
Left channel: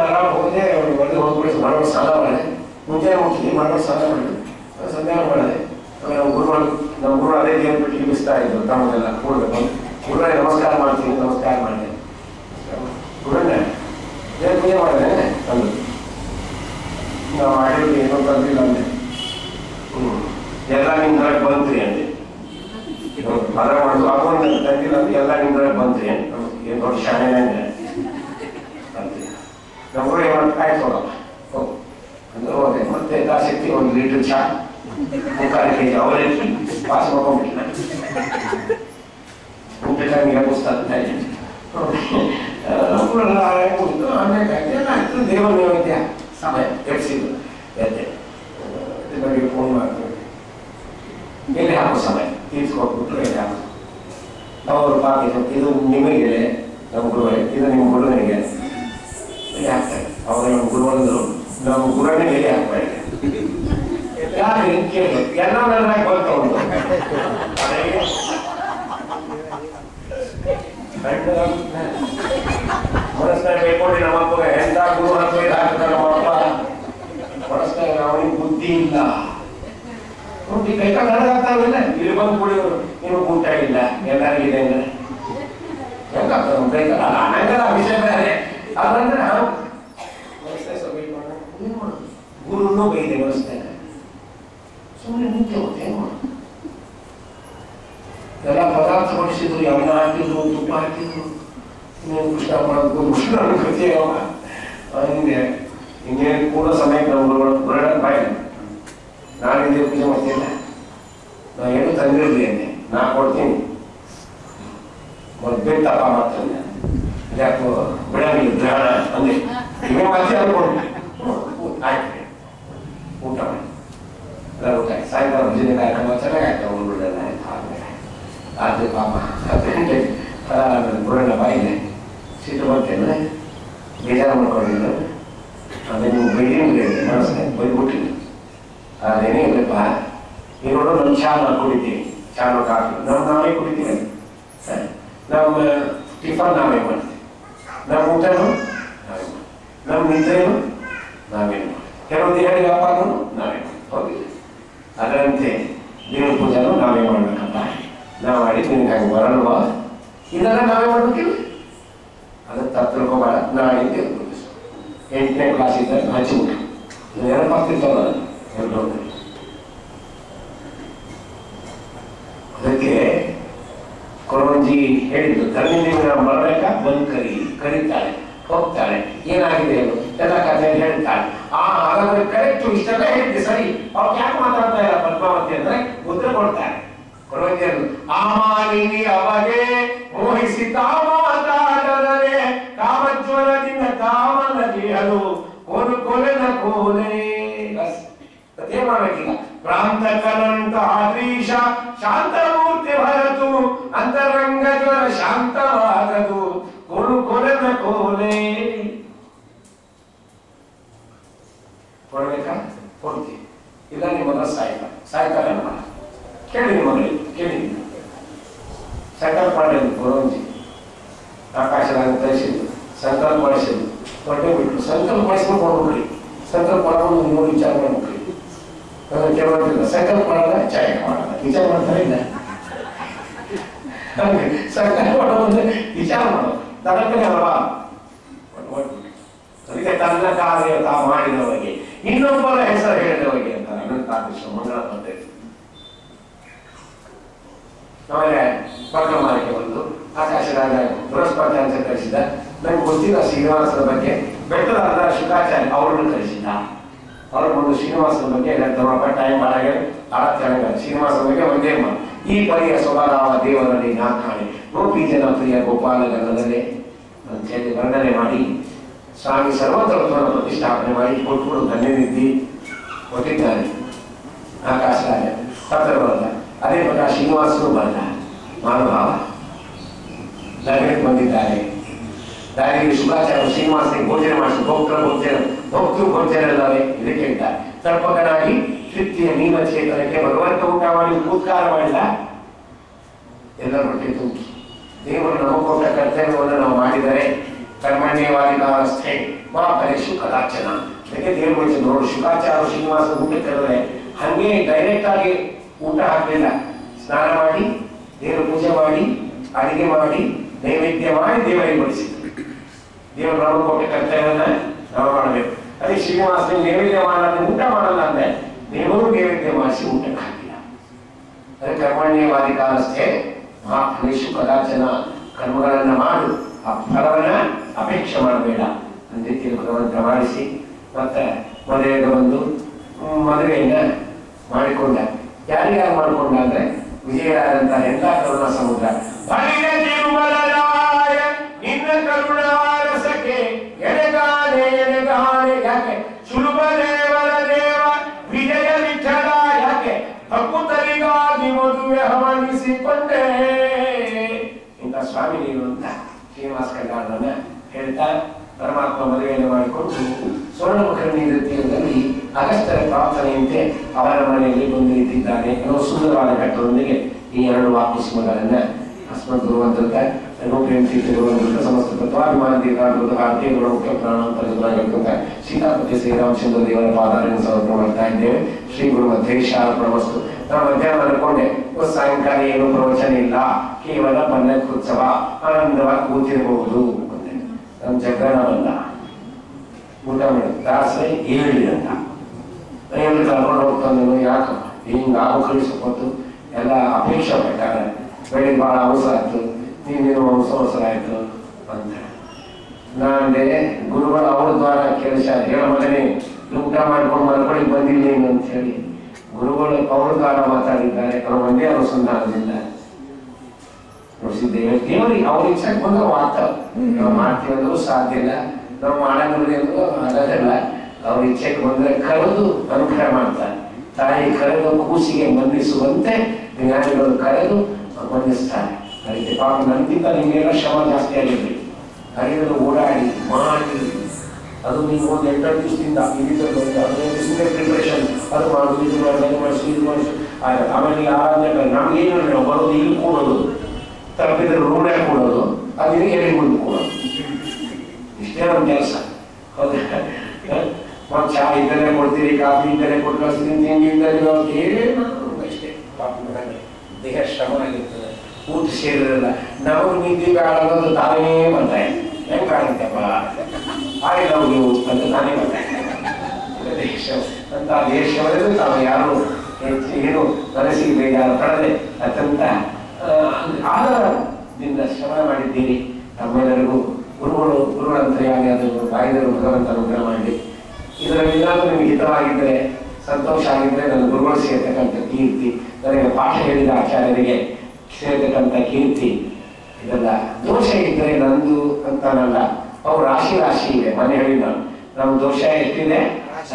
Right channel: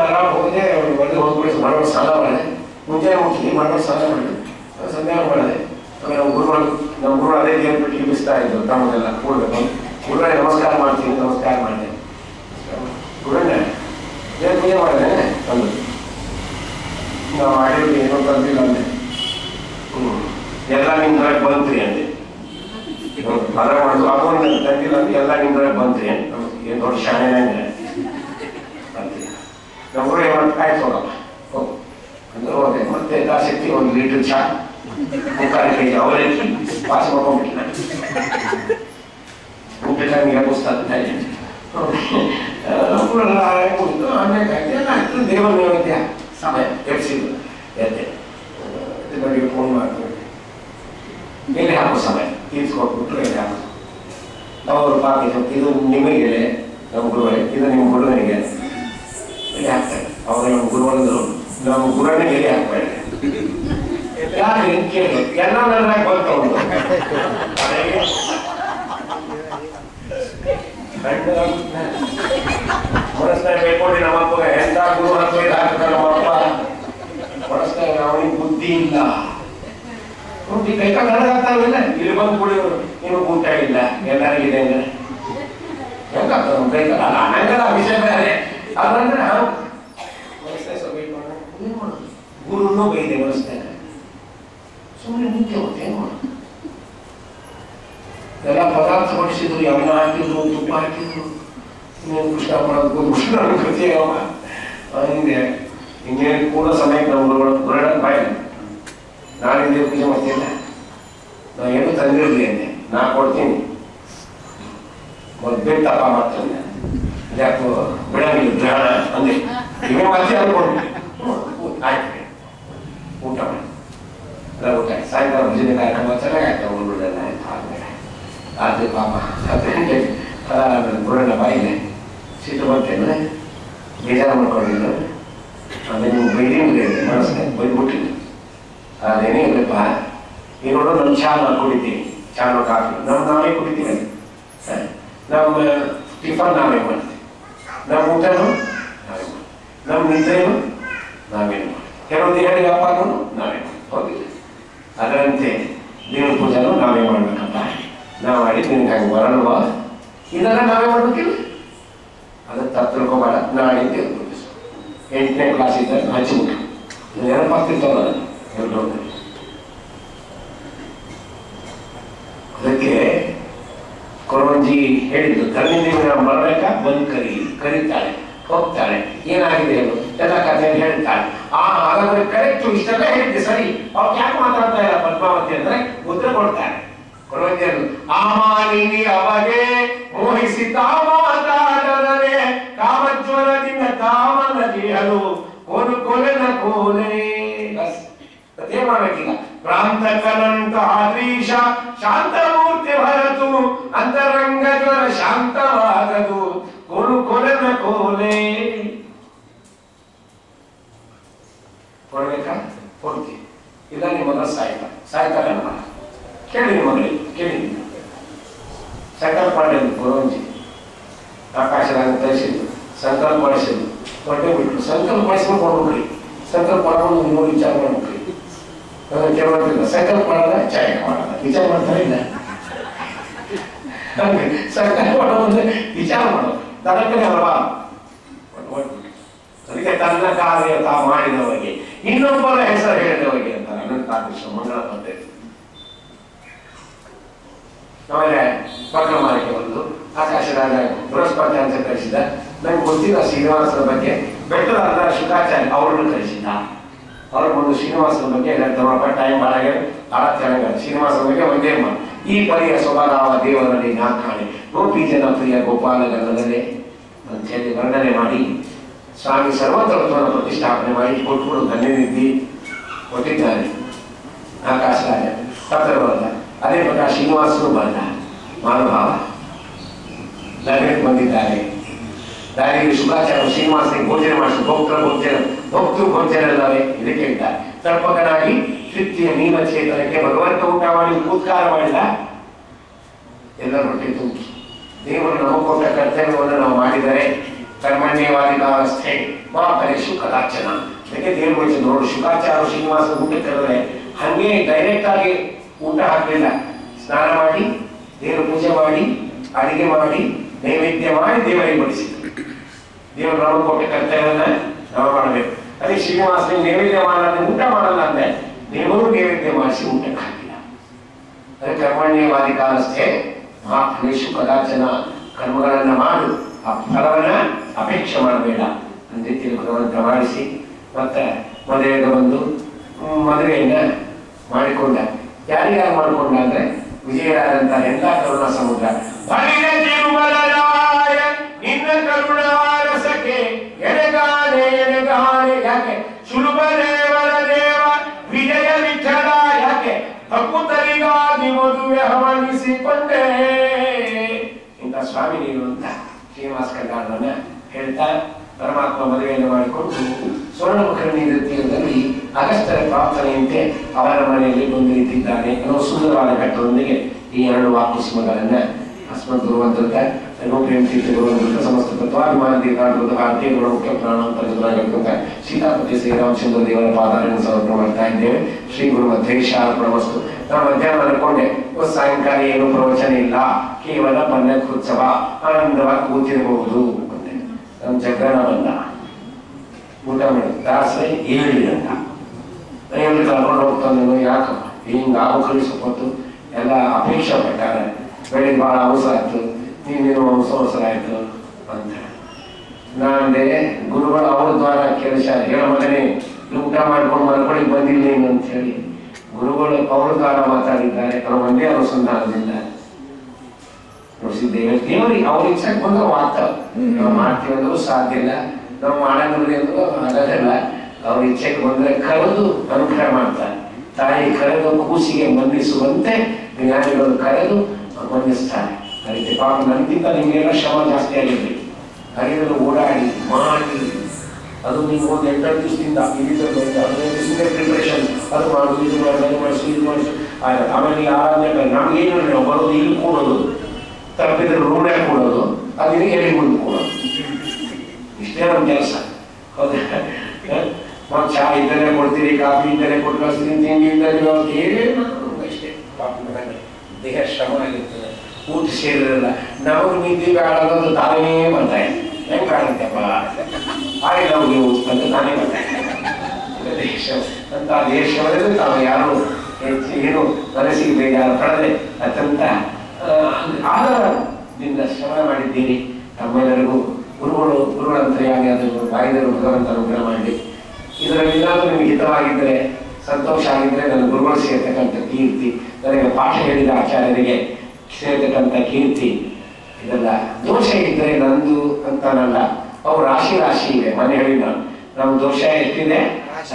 ಆರಾಮ್ ಹೋದೆ. ಒಳಗೆ ಹೋಗ್ಬಿಡಿ, ಮಾಡೋ ಸ್ನಾನ ಮಾಡಿದೆ, ಮುಂಜಾನೆ ಮುಟ್ಟಿ ಮಾಡೋ ಸ್ನಾನ ಮಾಡಿದೆ, ಸಂಧ್ಯಾನ ಮಾಡಿದೆ. ಆಮೇಲೆ ನಮ್ಮ ಗುರು ಅದೇ ದೇವ್ರ ಬಿಟ್ಟು ಬಿಸ್ತಾ ಇದ್ರು, ತಮ್ಮದೆಲ್ಲ ಕೂಡ್ಬೇಕು. ಗುರುಗಳೇ ನಮಸ್ಕಾರ ಮಾಡ್ತೀನಿ, ನಮಸ್ಕಾರ ಮಾಡಿದೆ. ಗುರುಗಳೇ ದೇವ್ರ ಪೂಜೆ ಮಾಡಿದೆ ತಂದು ನಾವು ಮಾಡಿದ್ವಿ, ಏನೋ ತಂದಿಲ್ಲ ಅಂದೆ. ಎಲ್ಲ ನಿಮ್ಮ ನಿಮ್ದ್ರಾಗ ಬಂತ್ರಿ ಅಂದೆ. ಪದ ಮಾಡೋದು ಅದೊಂದು ತಂದಿಲ್ಲ ಅಂದ್ರೆ ಎಲ್ಲ ನಿಮ್ದ್ರಾಗ ಬಂತ್ರಿ ಅಂತ ಏನು ದೊಡ್ಡ ಶಾಣೆ ಅಂತೀವಿ. ನಮ್ಗಳು ಏನು ಆಯ್ತು ಹೋಗಪ್ಪ ಹೋಗು ಅಂದ್ರೆ ಹೋದೆ. ಮತ್ತೆ ಯಥಾಶಕ್ತಿ 1 ಲೀಟರ್ ಚಾ 3 ಕೆಜಿ ಅವಲಕ್ಕಿ ಪಾಸ್ ಮಾಡ್ಕೊಂಡ್ಬಿಟ್ಟಿಲ್ಲ. ಊಟಕ್ಕೆ ಪುಸ್ತಕ ಆಮೇಲೆ ದೇವರ ನೈವೇದ್ಯ ಸಮಯ ಎಬ್ಸಿದ್ದು ಎದ್ದೆ ಬಗ್ಗೆ ಫೋನ್ ಮಾಡ್ಕೊಂಡು ಎಲೆ ಹಾಕೋ ಸಮಯ ತೀರ್ಸ್ಕೊಟ್ಬಿಟ್ಟು ಎಲೆ ಹಾಕೋ. ಅವರು ಪಾಕ ಇದು ನಿಮಗೆ ನಮ್ಮ ಗುರುವೇ, ಇದು ನಿಮ್ಮ ಗುರುವನಿಗೆ ಎಲೆ ಹಾಕ್ತಾರೆ. ಅವರು ನಮ್ಮ ಗುರುವಂದರು ನಮ್ಮ ಗುರುವನಿಗೆ ಎಲೆ ಹಾಕ್ತಾರೆ. ಯಾಕೆ ಕೇಳಿ ಎಲ್ಲ ನನ್ನ ಬಂತು ಮನಸ್ಸಿನಾಗ ಬೇಕೊಂಡು ನಮ್ಮಪ್ಪ ಎಂತ ಗುರು ಹಾಕೋ ಹಾಕ್ತಾರೆ. ನಮ್ಮಪ್ಪ ಮನಸ್ಸಿನಾಗ ಅವನಿಗೆ ಬುದ್ಧಿ ಇಲ್ಲ. ಬುದ್ಧಿ ಕೈಕ ನಡೆದಾಗ್ತಾವಿಲ್ಲ. ಇಲ್ಲಿ ಬಂದು ಕುಡಿಯೋರು ನಿಮಗೆ ಊಟ ಇಲ್ಲ ಎಲ್ಲರಿಗಿದೆ ಅಂದ್ರೆ ಹೆಂಗಾಗ್ತದೆ ನಮ್ಮ ಕೈಕ ಹಂಗಲ್ಲ ವಿಷಯ ಬೇರೆ. ಅದಂದ್ರೆ ಮನಸ್ಸಿನಾಗ ಸ್ವಲ್ಪ ಬೇಕೊಂಡು ಏನು ಮಾಡೋದು? ಗುರುನು ಬೈದೆ ಮನಸ್ಸಿನಾಗ ಸುಮ್ಮನೆ ನಿಂತೆ ಹೋಗುತ್ತೆ. ಏನು ಮಾಡೋದು? ಎಲ್ಲ ಪದಾರ್ಥ ಬಡಿಸಿದ್ರು, ಅನ್ನ ಹಾಕಿದ್ರು, ತುಪ್ಪ ಹಾಕಿದ್ರು. ಇನ್ನೇನು ಕೃಷ್ಣ ಮಾಡೋದು ಕೃಷ್ಣ ಕೃತಿ ಹಿಂಗೆ ಹಿಂಗೇನು ಕೂಡ ಸಮಯಕ್ಕೆ ನಾವು ಹೊರಡಕ್ಕೆ ಬಾಯಿ ನಾನಿಂದ ಪೂಜೆ ಮಾಡ್ತೀನ. ನಾವು ಏನು ತಂದಿರಲಿ ಅಂದೆ, ನಾ ಕೊಡ್ತೀನಿ ಮೊದಲು ತಪ್ಪ ಮಾಡ್ತಾನೆ ಯಾಕೋ ಬಿಡಂಗಿಲ್ಲ ಗ್ರಹಣ ಅಂದೆ. ಇವೇ ಮತ್ತೆ ಅನ್ಕೊಂಡು ಆಯ್ತು ಊಟ ಮಾಡಿ ಊಟ ಸಾಯಂಕಾಲ ಭಜನೆ ಕಾರ್ಯಕ್ರಮ ಚೆನ್ನಾಗಾಯ್ತು. ಒಂದೆಲ್ಲ ಆಯ್ತು ಆದ್ಮೇಲೆ ಆದ್ರೆ ಪಾಪ ಅದೇ ಬುಡಣ್ಣ ಬಾಯಿಲೆ ಸಿಟ್ಟು ಬರ್ತೇನೆ ಬೇಜಾರು ಮಾಡ್ಕೊಂಡಿದ್ದು. ಅದೇ ನೀವು ಬೈದಿಂಗ್ ಮನಸ್ಸಿನ ಬೈದ್ಬಿಟ್ಟಿದ್ದು ಅದೇನೇ ಇಲ್ಲಪ್ಪ. ಈಗ ನೋಡು ನಮ್ಮ ಚಾ ನಾವು ಕುಡಿತೀವಿ, ಚಾ ನಾವು ಕಾಫಿ ನಾವೇ ಕುಡಿತೀವಿ. ನಮ್ಮ ಟಿಫನ್ ನಾವೇ ಮಾಡ್ತೀವಿ, ನಮ್ಮ ಊಟನೂ ನಾವೇ ಮಾಡ್ತೀವಿ, ನಮ್ಮ ನಿದ್ರೆನೂ ನಾವೇ ಮಾಡ್ತೀವಿ, ಕೆಲವೊಂದು ಹೇಳಿ ವ್ಯಾಪಾರನೂ ನಾವೇ ಹೋಗಿಲ್ಲ. ಅದರಂತೆ ದೇವ್ರ ಪೂಜೆನೂ ನಾವೇ ಮಾಡ್ಬೇಕಪ್ಪ. ನಾವು ಮಾಡಿ ನಿನ್ಗೆ ಹಾಗೆ ಬರಲ್ವಾ ಇದೆಲ್ಲ ನಾವೇ ಮಾಡ್ಬೇಕಿಲ್ಲ. ಅದಕ್ಕೆ ತಪ್ಪು ತಿಳ್ಕೊಬೇಡ. ನಾಳೆ ದೇವ್ರ ಪೂಜೆ 8ನೇ ಕ್ಲಾಸ್ ಇದ್ದಾಗ ಹಚ್ಚಿಬಿಟ್ಟು ನೆನಪಾಗ್ತಿರ್ತಲ್ಲ ಎರಡು. ಅದಕ್ಕೆ ಕೊರವಂಜಿ ಹೇಳಿದ್ದು ಕರ್ಣಿದೇವಿ ನಾವು ಬರಬೇಕಾ ಬಂದು ಕರೀತಾಳೆ ಹೋಗ್ತಾಳೆ. ಏನಾಗಿದೆ ಅದು ಎಲ್ಲ ಕಥೆಯನ್ನು ಹೇಳ್ತಾಳೆ. ಹಾಗಾದ್ರೆ ಕರೆಕ್ಟ್ ಇಷ್ಟೆಲ್ಲ ಹೇಳಿದ್ದೆ ಸರಿ. ಅವ್ರು ಯಾಕೆ ಮಾತಾಡ್ತಾ ಇಲ್ಲ ಪದ್ಮಾವತಿ ಅಂದ್ರೆ ಉತ್ತರ ಕೊಡ್ತಾರೆ ಕೊರವಂಜಿಯನ್ನು. ಆಮಾನಿನಿ ಅವಗೆ ಮೋಹಿಸಿ ಮಾತಾಡದರೆ ಕಾಮಜ್ವರದಿಂದ ಕಾಮನದಿ ಅದು ಕೊಲೆನ ಕೋಲೆ. ಅದೇ ಮಾಡ್ಬೇಕೀಗ. ಪ್ರಾಂತ ಕಲಂತ ಆದ್ರೀಶ ಶಾಂತಮೂರ್ತಿ ಭರತು ಅಂತರಂಗ ಜ್ವರ ಶಾಂತವಾಗದು ಕೊಲೆನ ಕೋಲೆ. ಕೊಡ್ಬೇಕಾ ಕೊಡ್ತೀವಿ. ಇಲ್ಲ ನಿಮ್ಮ ಮಗ ಸಾಯ್ತಾರೆ ನಮ್ಮ ಕೇಳಿ ನಿಮ್ಮ ಮಗಳಿಗೆ ಕೇಳಿ. ಸಂಕಲ್ಪ ಮಾಡಿದ್ದು ಕೊರವಂಜಿ ಆಕಾಶದಾಗ ತರಿಸಿದ್ದು ಸಂಕಲ್ಪ ಮಾಡಿಸಿದ್ದು ಹೊಟ್ಟೆ ಬಿಟ್ಟು ಸಂಕಲ್ಪ ಮಾಡಿಸ್ಕೊಂಡು ಕೊಡ್ಬಿಡ್ರಿ. ಸಂಕಲ್ಪ ಮಾಡ್ಕೊಂಡು ನೋಡಿ ವಿಚಾರ ಮಾಡ್ಬಿಡ್ರಿ. ಕೇಳೋದಿಲ್ಲ ಸಂಕಲ್ಪ ಮಾಡಲ್ಲ ಚಾಯ ಮಾಡಲ್ಲ ವಿಚಾರ ಮಾಡ್ತಾರೆ ಇಲ್ಲ. ಸಂಕಲ್ಪ ಮಾಡೋದು ವಿಚಾರ ಮಾಡೋದು ತನಕನೇ ಅಲ್ವಾ. ಅದಕ್ಕೆ ತನ್ನ ಕಾರ್ಯ ತಾ ಮಾಡಿದವರಿಗೆ ಇನ್ನೊಬ್ಬರ ಹೆಸರು ಹೇಳಿದವರಿಗೆ ಅಂತ ಅನಂತಾದೃಶ ಮಂಗಳ ಪದ್ಧತಿ. ಆಮೇಲೆ ಪಕ್ರಮಾರಕ್ಕೆ ಬಂದು ಆಕಾಶದಾಗ ಬೃಹಸ್ಪತಿ ಅಂತ ಕಳಿಸಿದ. ನಂಗೆ ಗೊತ್ತಿಲ್ಲ ಶ್ರೀನಿವಾಸನ ಬಗ್ಗೆ. ಬೆಟ್ಟದ ಅಲ್ಲ ಶುಕಾಚಾರ್ಯ ಅವ್ರನ್ನು ಕಳಿಸಿದ. ಅವ್ರ ಒಂದು ಶ್ರೀನಿವಾಸನ ಬಗ್ಗೆ ಟೈಮ್ ಬಾಳಗೆ ಆರಾಧ್ಯ ಶ್ರೀನಿವಾಸನ ಬಗ್ಗೆ ಒಂದೇ ಮಾತು. ಈ ಪರಿಯ ಸ್ವಭಾವ ದೇವರಲ್ಲಿ ನಾ ಕಾಣೆ ಗೋಪಿ ಜನ ಪ್ರಿಯ ಗೋಪಾಲಗಲ್ಲದೆ ಅಂತ ಹೇಳಿ ವರ್ಣನೆ ಮಾಡಿ ಸ್ವಾಮಿ ಸರ್ವತತ್ವವನ್ನು ಪ್ರತಿಷ್ಠಾಪನೆ ಮಾಡಿ ಕೊಟ್ಟುಕೊಂಡು ಧನ್ಯನಿಧಿ ಕೊಟ್ಟಿದ್ದಾರೆ ಆಕಾಶರಾಜ ಪತ್ರ ಬರಲ್ಲ. ಅದೇ ಪ್ರಕಾರ ಶ್ರೀನಿವಾಸನು ಬರಲ್ಲ ಮಹಾನುಭಾವ ನಗರಕ್ಕೆ ಬಂದಿದ್ದಾರೆ. ದಾರಿಗೆ ಶುಕಾಚಾರ್ಯ ಶ್ರೀನಿವಾಸನಿಗೆ ಭೋಜನ ಮಾಡಿಸಿ ಭಕ್ತೃ ಭೋಜನ ಅಲ್ಲವೇ ಇದಕ್ಕೆ ಹೇಳ್ತಾರೆ. ತರ್ಪಕನಾಗಿ ತೃಪ್ತಿಯ ಮೀನ ಚೇತನಕ್ಕೆ ಭಗವಂತ ಊಟ ಮಾಡಿ ಉತ್ಕಾರ ಮಾಡಿಲ್ಲ. ಎಲ್ಲರ ಹೊಟ್ಟೆ ತುಂಬಿ ದೇವರು ನಮಗೆ ಕೊಟ್ಟ ಕರ್ತವ್ಯವನ್ನು ನಾವು ಮಾಡಿದರೆ ಕರ್ಮಣ್ಯವಾದಿಕಾವಸ್ಥೆ ಮಹಾಪರೇಶು ಕದಾಚನ. ಅದಕ್ಕೆ ದೇವರು ವಹಿಸಿ ನೋಡು ಶುಕಾಚಾರ್ಯ ಶ್ರೀನಿವಾಸ ಊಟ ಕರೆದ್ರೆ ಹಂಗೆ ಡೈರೆಕ್ಟ್ ಆಗಿ ಊಟ ಹಾಕಲಿಲ್ಲ. ಸ್ನಾನ ಮಾಡಿ ದೇವರು ಪೂಜೆ ಮಾಡಿ ಅಡಿಗೆ ಮಾಡಿ ನೈವೇದ್ಯ ಮಾಡಿ ದೇವರಿಗೆ ಬಡಿಸಿದ್ರು. ದೇವರು ನಮಗೆ ಕೊಟ್ಟ ಕರ್ತವ್ಯವನ್ನ ನಾವು ಮಾಡಬೇಕು. ಅದೇ ಶ್ರೀನಿವಾಸನಿಗೆ ನೈವೇದ್ಯ ಮಾಡಲ್ಲ ಊಟ ಮಾಡಲ್ಲ ಅಂದ್ರೆ ದೇವರು ನೈವೇದ್ಯ ಮಾಡಿಸಿ ಊಟಕ್ಕೆ ಹಾಕಿಲ್ಲ. ಅದಕ್ಕೆ ಕರ್ಮಣ್ಯವಾದಿ ಕಾಲಸ್ಥೆ ಮಹಾಫಲೇಶು ಕದಾಚನ, ಕರ್ಮಗಳನ್ನು ಮಾಡು, ಆ ಫಲವನ್ನ ಅಪೇಕ್ಷೆ ಮಾಡಬೇಡ ಅಂತ ತಿಳ್ಕೊಂಡು ಪ್ರಮಾಣಿಸಿ ಮತ್ತೆ ಮದುವೆಗೆ ಬಂದು ಮದುವೆಯನ್ನ ಮಾಡಿಕೊಂಡ. ಯಾರ್ಯಾರು ಮಾಡಿಕೊಂಡ ಅಂದ್ರೆ ವಿಜಯರಾದಂತ ಎಲ್ಲ ಕರುಣ ಸಮುದ್ರ ನಿನ್ನ ಕರುಣಾರಸಕ್ಕೆ ಎಣೆಗಾನೆ ಎಣೆಗಾನೆ. ಯಾಕೆ ಸುಲಭ ದೇವರ ದೇವ ವಿಜಯ ವಿಠಲ, ಯಾಕೆ ಭಕ್ತರಿಗಾಗಿ ಮದುವೆ ಹವಣಿಸಿಕೊಂಡೆ. ಇಂಥ ಸ್ವಾಮಿ ನೀನು ಅಂತ ಶ್ರೀನಿವಾಸ ಕಲ್ಯಾಣವನ್ನ ಹೇಳ್ತಾ ಪರಮಾತ್ಮ ಮದುವೆಯನ್ನು ಮಾಡಿಕೊಂಡು ಸ್ವರ್ಣಮುಖರಣಿ ನೃತ್ಯದಲ್ಲಿ ಅಗಸ್ತ್ಯರ ಪ್ರಾರ್ಥನೆಯಂತೆ ಅವರ ಮನೆಯಲ್ಲಿ ಬಂದು ನಿಂತಿದ್ದಾನೆ ಅನ್ನೋ ಸುಂದರವಾದ ಘಟ್ಟದೊಂದಿಗೆ ಈ ಎರಡು ವಾಕುಸ್ಮಗಳನ್ನ ಅಸ್ಮದ್ ಗುರುವಂತ ಪ್ರೇಮ ತೀರ್ಥ ಗುರುವಂತ ಸಮಸ್ತ ತತ್ವಾಭಿಮಾನ ತೀರ್ಥಾಂತ ಭಾರತೀಯ ಗುರು ಮುಖ್ಯ ಪ್ರಾಣಾಂತರ್ಗತ ಸೀತಾಪತಿ ಶ್ರೀರಾಮಚಂದ್ರ ದೇವರ ಪಾದಾರನ್ನು ಸಮರ್ಪಣೆ ಮಾಡ್ತಾ ಇದ್ದೇವೆ. ಶ್ರೀ ಗುರು ಮಧ್ಯೇಶಾರ್ಪಣಮಸ್ತು. ನಾವು ಮಧ್ಯಾಹ್ನ ಅನ್ಕೊಂಡೆ ಸಾಯಂಕಾಲ ಏನು ಪ್ರವಚನ ಇಲ್ಲ, ಕೇವಲ ಪಲ್ಲಕ್ಕುತ್ಸವ, ಆನಂದವಾಗಿ ಕೂತಿರಬಹುದು. ನಮ್ಮ ಜಗ್ಗನ ಬಂದ ಊಟ ಮಾಡಿ ದಾಸರೇ ಹೇಳಿ ಅಂತ ಹೇಳಿ ಕರ್ಕೊಂಡು ಹೋಗ್ತಾನೇನು, ಯಾಕಪ್ಪ ಹಿಂಗ ಕಳಿಸ್ಕೊಟ್ಟು ಎಲ್ಲ ಅಪೇಕ್ಷೆ ಪಟ್ಟಾರೆ, ಬೆಳಿಗ್ಗೆ ಬಹಳ ಅವಸರ ಆಯ್ತು, ನೀನೇನು ಅವಸರ ಆಯ್ತು ಅಂತ ನಾನೇ ಗುರುಗಳು ಅವ್ರ ದ್ವಾರ ಕೆಲಸ ಹೇಳ ಮಗನೇ ಊಟ ಮಾಡ್ಕೊಂಡು ಮಲ್ಕೊಳ್ಳಿಕ್ ಬಂದಿಲ್ಲೇನು ಅಂತ ಹೇಳಿ ಗುರುಗಳು ಅವ್ರ ದ್ವಾರ ಮಾತಾಡಿದ್ದಾರೆ. ಅವ್ರು ಒಂದೇ ಅನುಸಂಧಾನದಿಂದ ನೋಡಿಸಿದ್ದೇವೆ. ದೇವರಿಗೆ ಅವ್ರ ಇಚ್ಛೆಗೆ ಬಂದ್ರೆ ಮಾತ್ರ ನಾವು ಮಾಡ್ತೀವಿ ಅಂದ್ರೂ ಸಾಧ್ಯ ಇಲ್ಲ, ನಾವು ಮಾಡಂಗಿಲ್ಲ ಅಂದ್ರೂ ಆಗಲ್ಲ. ಅವ್ರ ಇಚ್ಛೆಗೆ ಬಂದ್ರೆ ಕರೆದು ಅನುಗ್ರಹ ಮಾಡ್ತಾರೆ. ತಾಯಿ ಕರೆದು ಕೂಸಿಗೆ ಬಂಧಿಸುವಂತೆ ಜ್ಞಾನಿಗಳು ಕರೆದು ಬಂಧಿಸ್ತಾರೆ. ಅದಕ್ಕೆ ಪಾಪ ನನಗಿಂತ ನಿಮಗೆಲ್ಲ ಶ್ರಮ ಜಾಸ್ತಿ ಆಗಿರ್ಲಿ, ಹರಿಯಲು ಓಡಾಡಿ ಮಾಡಿ ಅದು ನೀವು ಒಂದು 8 ದಿವಸದಿಂದ 15 ದಿವಸದಿಂದ ಪ್ರಿಪರೇಷನ್ ಅದು ಮಾಡೋದು, ಇದು ಮಾಡೋದು, ಅದು ಮಾಡಿಸು, ಇದು ಮಾಡಿಸು. ಆಮೇಲೆ ಆರಾಧನೆ ನಮಗೇನು ನಾವು ಬರೋದು ಇಲ್ಲಿ ಕೂಡೋದು, ತಪ್ಪಿದ್ರೆ ರೂಢೆ ಕೊಡೋದು, ಅದನ್ನ ಎಲ್ಲಿ ಮುಂದೆ ಕೊಡೋದು, ಇಷ್ಟೇ ನಮ್ಮ ಕೆಲಸ. ಹೌದಾ? ಮತ್ತು ಚಹಾ ಇದ್ದಲ್ಲೇ ಕೊಡ್ತೀರಿ, ಕಾಫಿ ಇದ್ದಲ್ಲೇ ಕೊಟ್ಟು ಕಳಿಸ್ತೀನಿ, ತಿಂಡಿ ಇದ್ದಲ್ಲಿ ಏನು ಇಷ್ಟೇ. ಪಾಪ ನನಗೆ ದೇಹ ಶ್ರಮ ಆಗಿರ್ತದೆ, ಊಟ ಸೇರಿರಲ್ಲ. ನಾವು ನಿದ್ದೆ ಬೇಡೋದು ತಾನೇ ಬರ್ತಾರೆ. ಹೆಂಗೆ ಕಾಣುತ್ತಪ್ಪ ಆಗ ನಾವು ನೀವು ಅಂತ ತಾನೇ ಬರ್ತಾರೆ. ದೇಶ ಅಂತ ದೇಶವರೆಗೂ ತಾವು ಯಾರು ಏನು ಮನಸ್ಸಿಗೆ ಬೇಜಾರು ಪಡದೆ ಅತ್ಯಂತ ಆಧಾರದಿಂದ ಶ್ರಮ ಮಾಡಿದ್ದೀರಿ. ತಮ್ಮೆಲ್ಲರಿಗೂ ಗುರುಗಳಂತರಿಯಾಗಿ ಅದನ್ನು ಬಾಯಿದರು ಭಗವಂತ ಅನುಗ್ರಹ ಮಾಡಿ ಇದರಲ್ಲೆಲ್ಲಾದ್ರೂ ನಿಮಗೆ ಹಿತವಾಗಿದ್ದರೆ, ಸಂತೋಷ ಆಗಿದ್ದರೆ ನನ್ನ ಗುರುಗಳು ಸೇರ್ತಕ್ಕಂಥ ಕೀರ್ತಿ, ನನಗೆ ಪಾಠ ಹೇಳಿದ ಆಚಾರ್ಯರಿಗೆ ಸೇರ್ತಕ್ಕಂಥ ಕೀರ್ತಿ, ಇದೆಲ್ಲ ದೋಷ ಇದ್ದರೆ ನಂದು ಅಂತಾನಲ್ಲ, ಅವು ರಾಶಿ ರಾಶಿ ಇದೆ. ಮನೆ ಹೇಳಿದ ನಮ್ಮ ದೋಷ ಎಷ್ಟಿದೆ,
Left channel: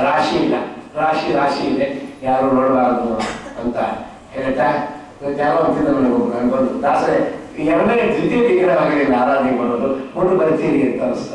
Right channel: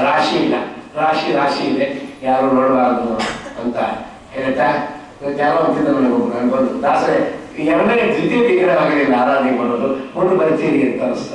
ರಾಶಿ ಇಲ್ಲ, ರಾಶಿ ಇದೆ, ಯಾರು ನೋಡಬಾರದು ಅಂತ ಹೇಳ್ತಾ ಯಾರೋ ಅಂತಿದ್ದ ನನಗೆ ನಾನು ಬಂದು ದಾಸರೇ ಎರಡನೇ ದ್ವಿತೀಯ ದಿನ ಆಗಲಿಲ್ಲ ಆರಾಧನೆ ಮಾಡೋದು, ಮುಂದೆ ಬರ್ತೀರಿ ಅಂತ ಅನಿಸ್ತಾರೆ.